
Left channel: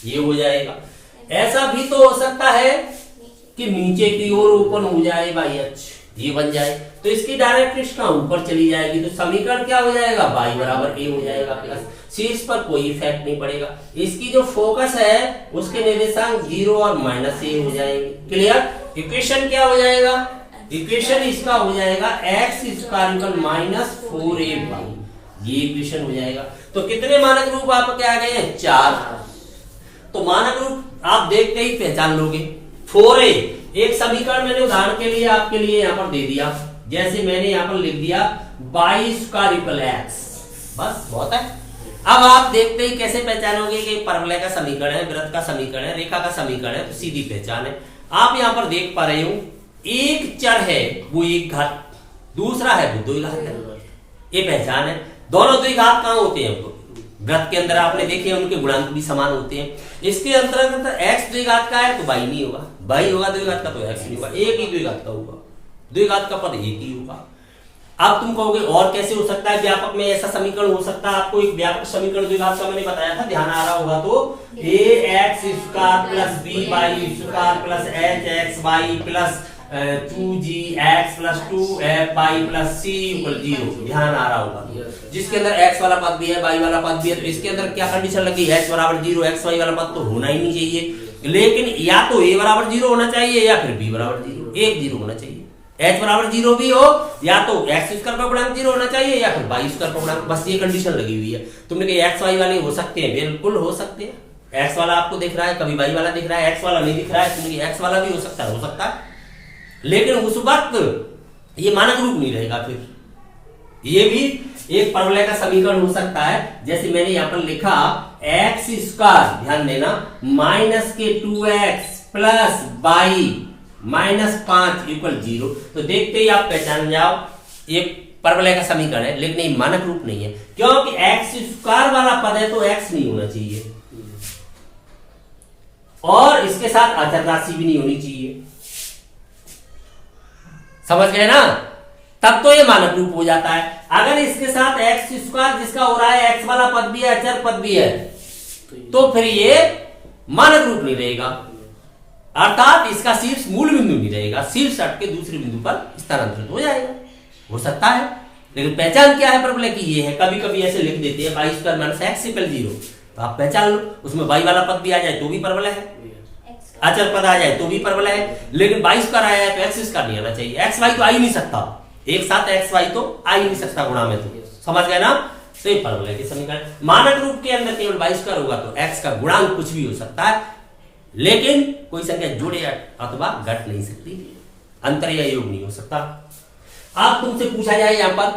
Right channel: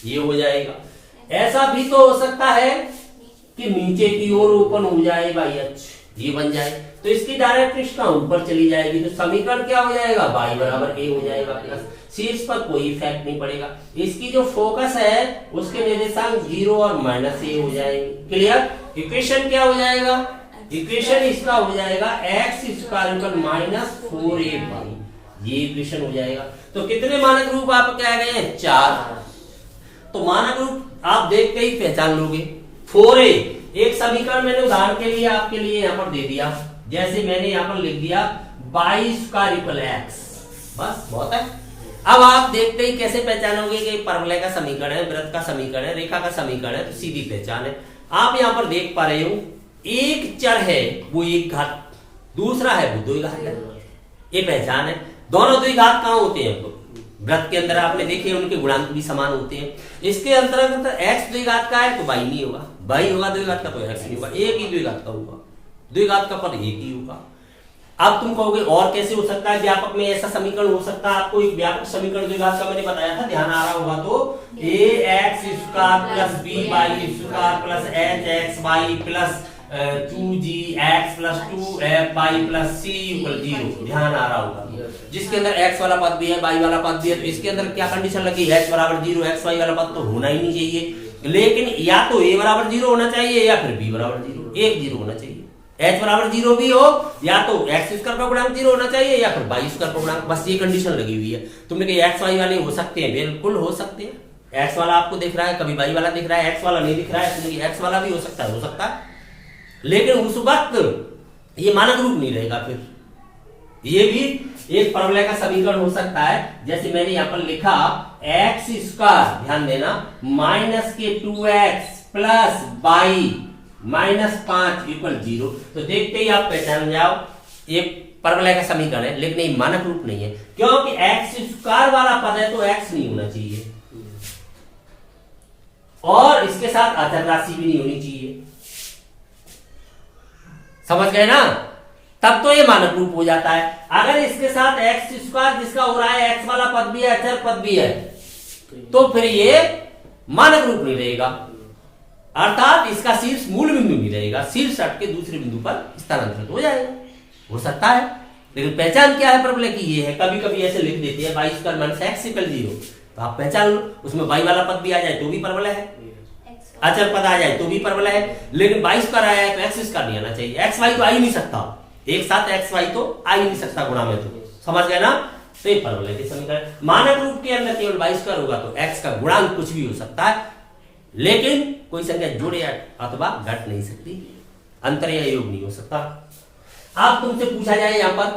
ये हो जाएगा। ऐसा भी तो हो सकता है कि नीचे की ओर ओपन हो जाए बाई अक्ष, ये बन जाए, तो इसकी डायरेक्ट्रिक्स का ऊपर चली जाएगी। तो समीकरण क्या हो जाएगा, बाई बराबर ए हो जाएगा प्लस, शीर्ष पर कोई इफेक्ट नहीं पड़ेगा। इसकी जो फोकस है उसके निर्देशांक 0 और माइनस ए हो जाएंगे, क्लियर। इक्वेशन क्या हो जाएगा, इक्वेशन इसका हो जाएगा x square equal minus 4a, ये इक्वेशन हो जाएगा। तो कितने मानक रूप आपके आ गए हैं, 4। तो मानक रूप आप देख के ही पहचान लोगे। 4a एक समीकरण मैंने उदाहरण के लिए आपके लिए यहाँ पर दे दिया, जैसे मैंने यहाँ पर लिख दिया 22 स्क्वायर इक्वल एक्स, बस बहुत है। अब आप देखते ही कैसे पहचानोगे कि परवलय का समीकरण है, वृत्त का समीकरण है, रेखा का समीकरण है, तो सीधी पहचान है। आप यहाँ पर देख पा रहे हो एक चर है वो एक घात, दूसरा है वो 2 घात है, ये पहचान है। दोनों 2 घात कहाँ होते हैं, वृत्त के अंदर आपने देखे उनके गुणांक भी समान होते हैं। इसके अंतर्गत x द्विघात का है तो y नहीं होगा, y होगा द्विघात का तो x नहीं होगा, एक ही द्विघात का होगा, द्विघात का पद एक ही होगा। अब तुम कहोगे और कैसे हो सकता है, व्यापक में ऐसा समीकरण हो सकता है। आपको एक व्यापक समीकरण द्विघात का मैंने बताया था, ध्यान आ रहा होगा तो ax square plus by square plus hxy plus 2gx plus 2fy plus c equal 0, ध्यान आ रहा होगा। जिसके अंदर x वाला पद भी है y वाला पद भी है, तो इसके अंदर क्या कंडीशन लगी, h बराबर 0, xy वाला पद तो होना ही नहीं चाहिए, लेकिन या तो a बराबर 0 होना चाहिए या फिर b बराबर 0, एक 0 होना चाहिए। h बराबर 0 भी हो, या तो x स्क्वायर का गुणांक 0 होना चाहिए या फिर y स्क्वायर का गुणांक, बस ये कंडीशन लगी हुई है। तुमने कहा x y वाले हो सकते हैं, बिल्कुल हो सकते हैं। x वाला आपको दिख रहा है, कभी y वाला दिख रहा है, x वाला नहीं दिख रहा है, तुमने x वाला भी हो सकता है, लेकिन उस वक्त ये मानक रूप नहीं रहेगा। फिर ये भी एक परवलय का समीकरण हो सकता है, जैसे मैंने यहां पर लिखा x स्क्वायर, ध्यान देना, माइनस के 2x plus y minus 5 equal 0। तो देखते ही आप पहचान जाओ ये परवलय का समीकरण है, लेकिन ये मानक रूप नहीं है, क्योंकि x स्क्वायर वाला पद है तो x नहीं होना चाहिए और इसके साथ अचर राशि भी नहीं होनी चाहिए। समझ गए ना, तब तो ये मानक रूप हो जाता है। अगर इसके साथ x स्क्वायर जिसका हो रहा है x वाला पद भी है, अचर पद भी है, तो फिर ये मानक रूप नहीं रहेगा, अर्थात इसका शीर्ष मूल बिंदु नहीं रहेगा, शीर्ष हट के दूसरे बिंदु पर स्थानांतरित हो जाएगा, हो सकता है। लेकिन पहचान क्या है परवलय की, ये है, कभी कभी ऐसे लिख देते हैं y square minus x equal 0, तो आप पहचान लो, उसमें y वाला पद भी आ जाए तो भी परवलय है, अचर पद आ जाए तो भी परवलय है, लेकिन 22 स्क्वायर आया है तो x स्क्वायर नहीं आना चाहिए, x y तो आ ही नहीं सकता, एक साथ x y तो आ ही नहीं सकता गुणा में, तो समझ गए ना। तो ये परवलय के समीकरण, मानक रूप के अंदर केवल 22 स्क्वायर होगा तो x का गुणांक कुछ भी हो सकता है, लेकिन कोई संख्या जुड़े अथवा घट नहीं सकती, अंतर या योग नहीं हो सकता। आप तुमसे पूछा जाए यहां पर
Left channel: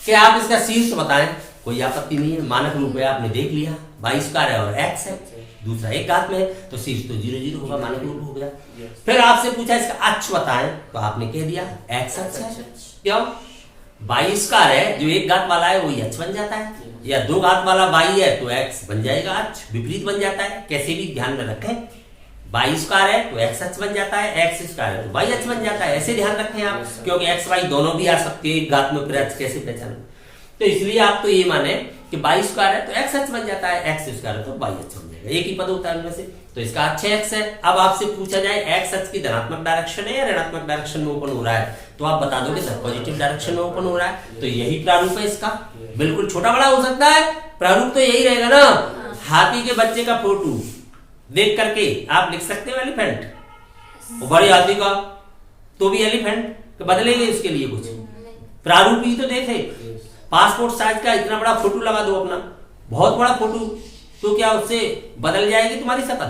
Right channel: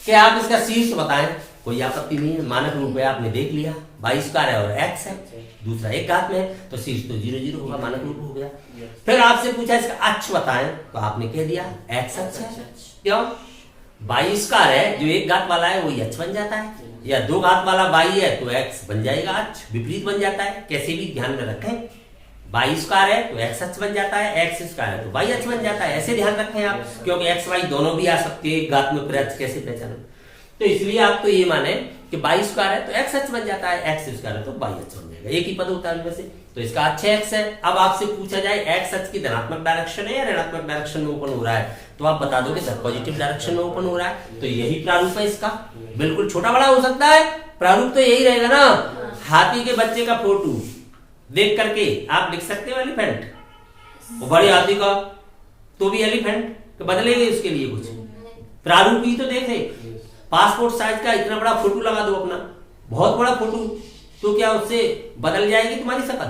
कि आप इसका शीर्ष बताएं, कोई आपत्ति नहीं है, मानक रूप है, आपने देख लिया 22 स्क्वायर है और x है, दूसरा एक घात में है तो शीर्ष तो 0 0 होगा, मानक रूप हो गया। फिर आपसे पूछा इसका अक्ष बताएं, तो आपने कह दिया x अक्ष है, क्यों, 22 स्क्वायर है, जो एक घात वाला है वही अक्ष बन जाता है, या दो घात वाला y है तो x बन जाएगा अक्ष, विपरीत बन जाता है, कैसे भी ध्यान में रखें, 22 स्क्वायर है तो x अक्ष बन जाता है, x स्क्वायर है तो y अक्ष बन जाता है, ऐसे ध्यान रखें आप, क्योंकि x y दोनों भी आ सकते हैं एक घात में, फिर अक्ष कैसे पहचानो, तो इसलिए आप तो ये माने कि 22 स्क्वायर है तो x अक्ष बन जाता है, x स्क्वायर है तो y अक्ष बन जाएगा, एक ही पद होता है उनमें से, तो इसका अक्ष x है। अब आपसे पूछा जाए x अक्ष की धनात्मक डायरेक्शन है या ऋणात्मक डायरेक्शन में ओपन हो रहा है, तो आप बता दोगे सर पॉजिटिव डायरेक्शन में ओपन हो रहा है, तो यही प्रारूप है इसका, बिल्कुल छोटा बड़ा हो सकता है, प्रारूप तो यही रहेगा ना। हाथी के बच्चे का फोटो देख करके आप लिख सकते हो एलिफेंट, और बड़े हाथी का तो भी एलिफेंट, बदलेंगे उसके लिए कुछ, प्रारूप ही तो देखे। पासपोर्ट साइज का इतना बड़ा फोटो लगा दो अपना, बहुत बड़ा फोटो, तो क्या उससे बदल जाएगी तुम्हारी शक्ल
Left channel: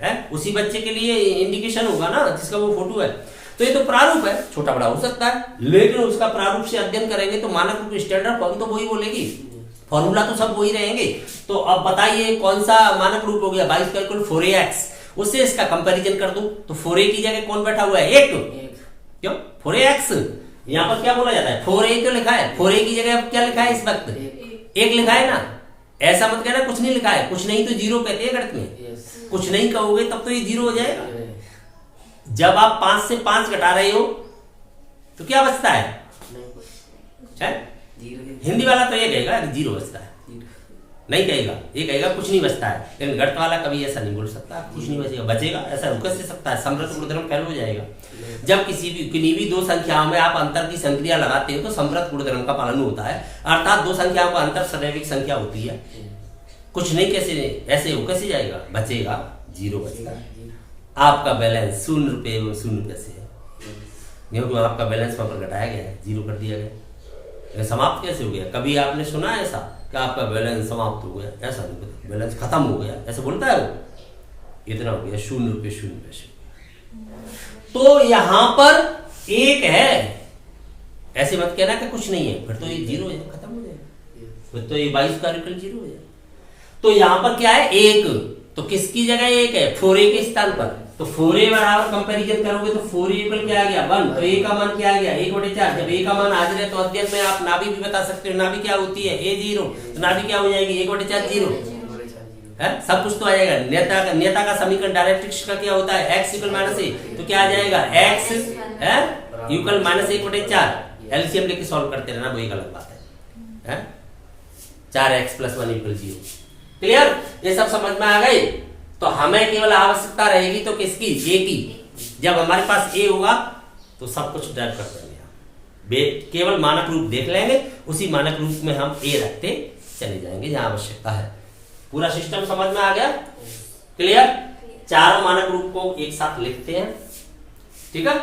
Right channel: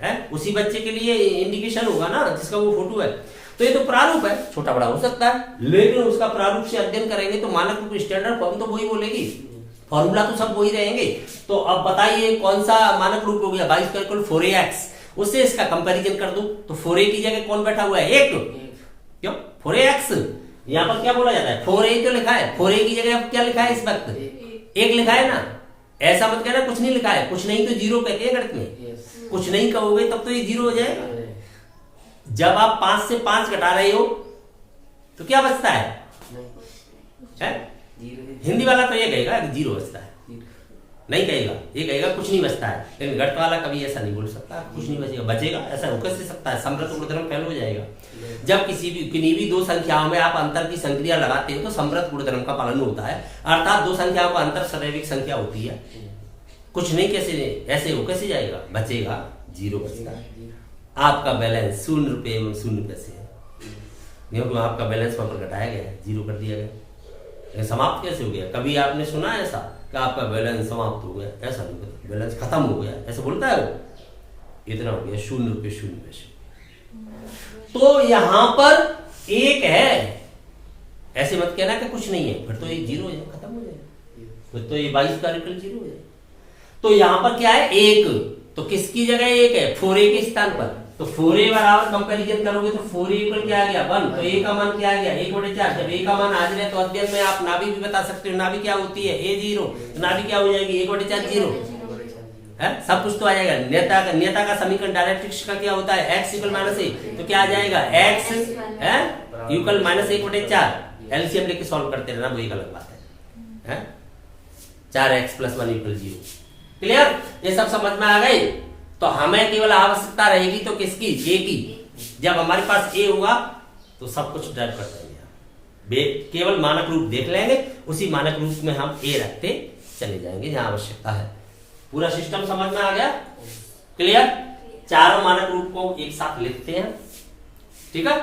है, उसी बच्चे के लिए इंडिकेशन होगा ना जिसका वो फोटो है। तो ये तो प्रारूप है, छोटा बड़ा हो सकता है, लेकिन उसका प्रारूप से अध्ययन करेंगे तो मानक रूप स्टैंडर्ड फॉर्म तो वही बोलेगी, फॉर्मूला तो सब वही रहेंगे। तो अब बताइए कौन सा मानक रूप हो गया, 22 स्क्वायर इक्वल 4ax, उससे इसका कंपैरिजन कर दो तो 4a की जगह कौन बैठा हुआ है, एक, क्यों 4ax, यहां पर क्या बोला जाता है 4a तो लिखा है, 4a की जगह क्या लिखा है इस वक्त, एक लिखा है ना, ऐसा मत कहना कुछ नहीं लिखा है, कुछ नहीं तो जीरो कहते हैं गणित में, कुछ नहीं कहोगे तब तो ये जीरो हो जाएगा। जब आप 5 से 5 घटा रहे हो तो क्या बचता है? हिंदी वाला तो ये कहेगा कि जीरो बचता है, नहीं कहेगा, ये कहेगा कुछ नहीं बचता है, लेकिन गणित वाला कभी ऐसा नहीं बोल सकता कुछ नहीं बचेगा, बचेगा ऐसा हो कैसे सकता है, समृद्ध गुणधर्म फेल हो जाएगा। जब किन्हीं भी दो संख्याओं में आप अंतर की संक्रिया लगाते हो तो समृद्ध गुणधर्म का पालन होता है, अर्थात दो संख्याओं का अंतर सदैविक संख्या होती है, कुछ नहीं कैसे ऐसे हो कैसे जाएगा, बचेगा, जीरो बचता है। आपका बैलेंस 0 रुपये एवं 0 पैसे है, क्योंकि आपका बैलेंस वहां पर घटाया गया है, जीरो कर दिया गया, समाप्त कैसे हो गया? कभी आपने सुना है ऐसा कि आपका बैलेंस समाप्त हो गया? ऐसा नहीं पता, बैलेंस खत्म हो गया ऐसा बोलता है वो, इतना हो गया, 0 रुपये 0 पैसे। तो यहां पर एक है, ऐसे मत कहना कि कुछ नहीं है, फिर तो ये जीरो है, खत्म हो जाएगा, फिर तो ये 22 का रिकल जीरो हो जाएगा। तो यहां पर क्या है, एक, तो किसकी जगह एक है, 4a के स्थान पर तो 4a बराबर कंपैरिजन करोगे तो 4a इक्वल क्या आ गया 1, तो a का मान क्या आ गया 1/4। जब a का मान हाजिर है तो अध्ययन में आप नाभि भी बता सकते हो। नाभि क्या होती है a 0, तो नाभि क्या हो जाएगी 1/4 0 है, सब कुछ तो आ जाएगा। नेता का समीकरण डायरेक्ट्रिक्स का क्या होता है x इक्वल -a, तो क्या आ जाएगा x है इक्वल -1/4। एलसीएम लेके सॉल्व करते रहना, वो एक अलग बात है 4x + 1 = 0। क्लियर, ये सब समझ में आ गई। तो हमें केवल आवश्यकता रहेगी तो किसकी, a की। जब हमारे पास a होगा तो सब कुछ ड्राइव कर देंगे हम, केवल मानक रूप देख लेंगे, उसी मानक रूप में हम a रखते चले जाएंगे जहां आवश्यकता है। पूरा सिस्टम समझ में आ गया। क्लियर, चारों मानक रूप को एक साथ लिखते हैं, ठीक है।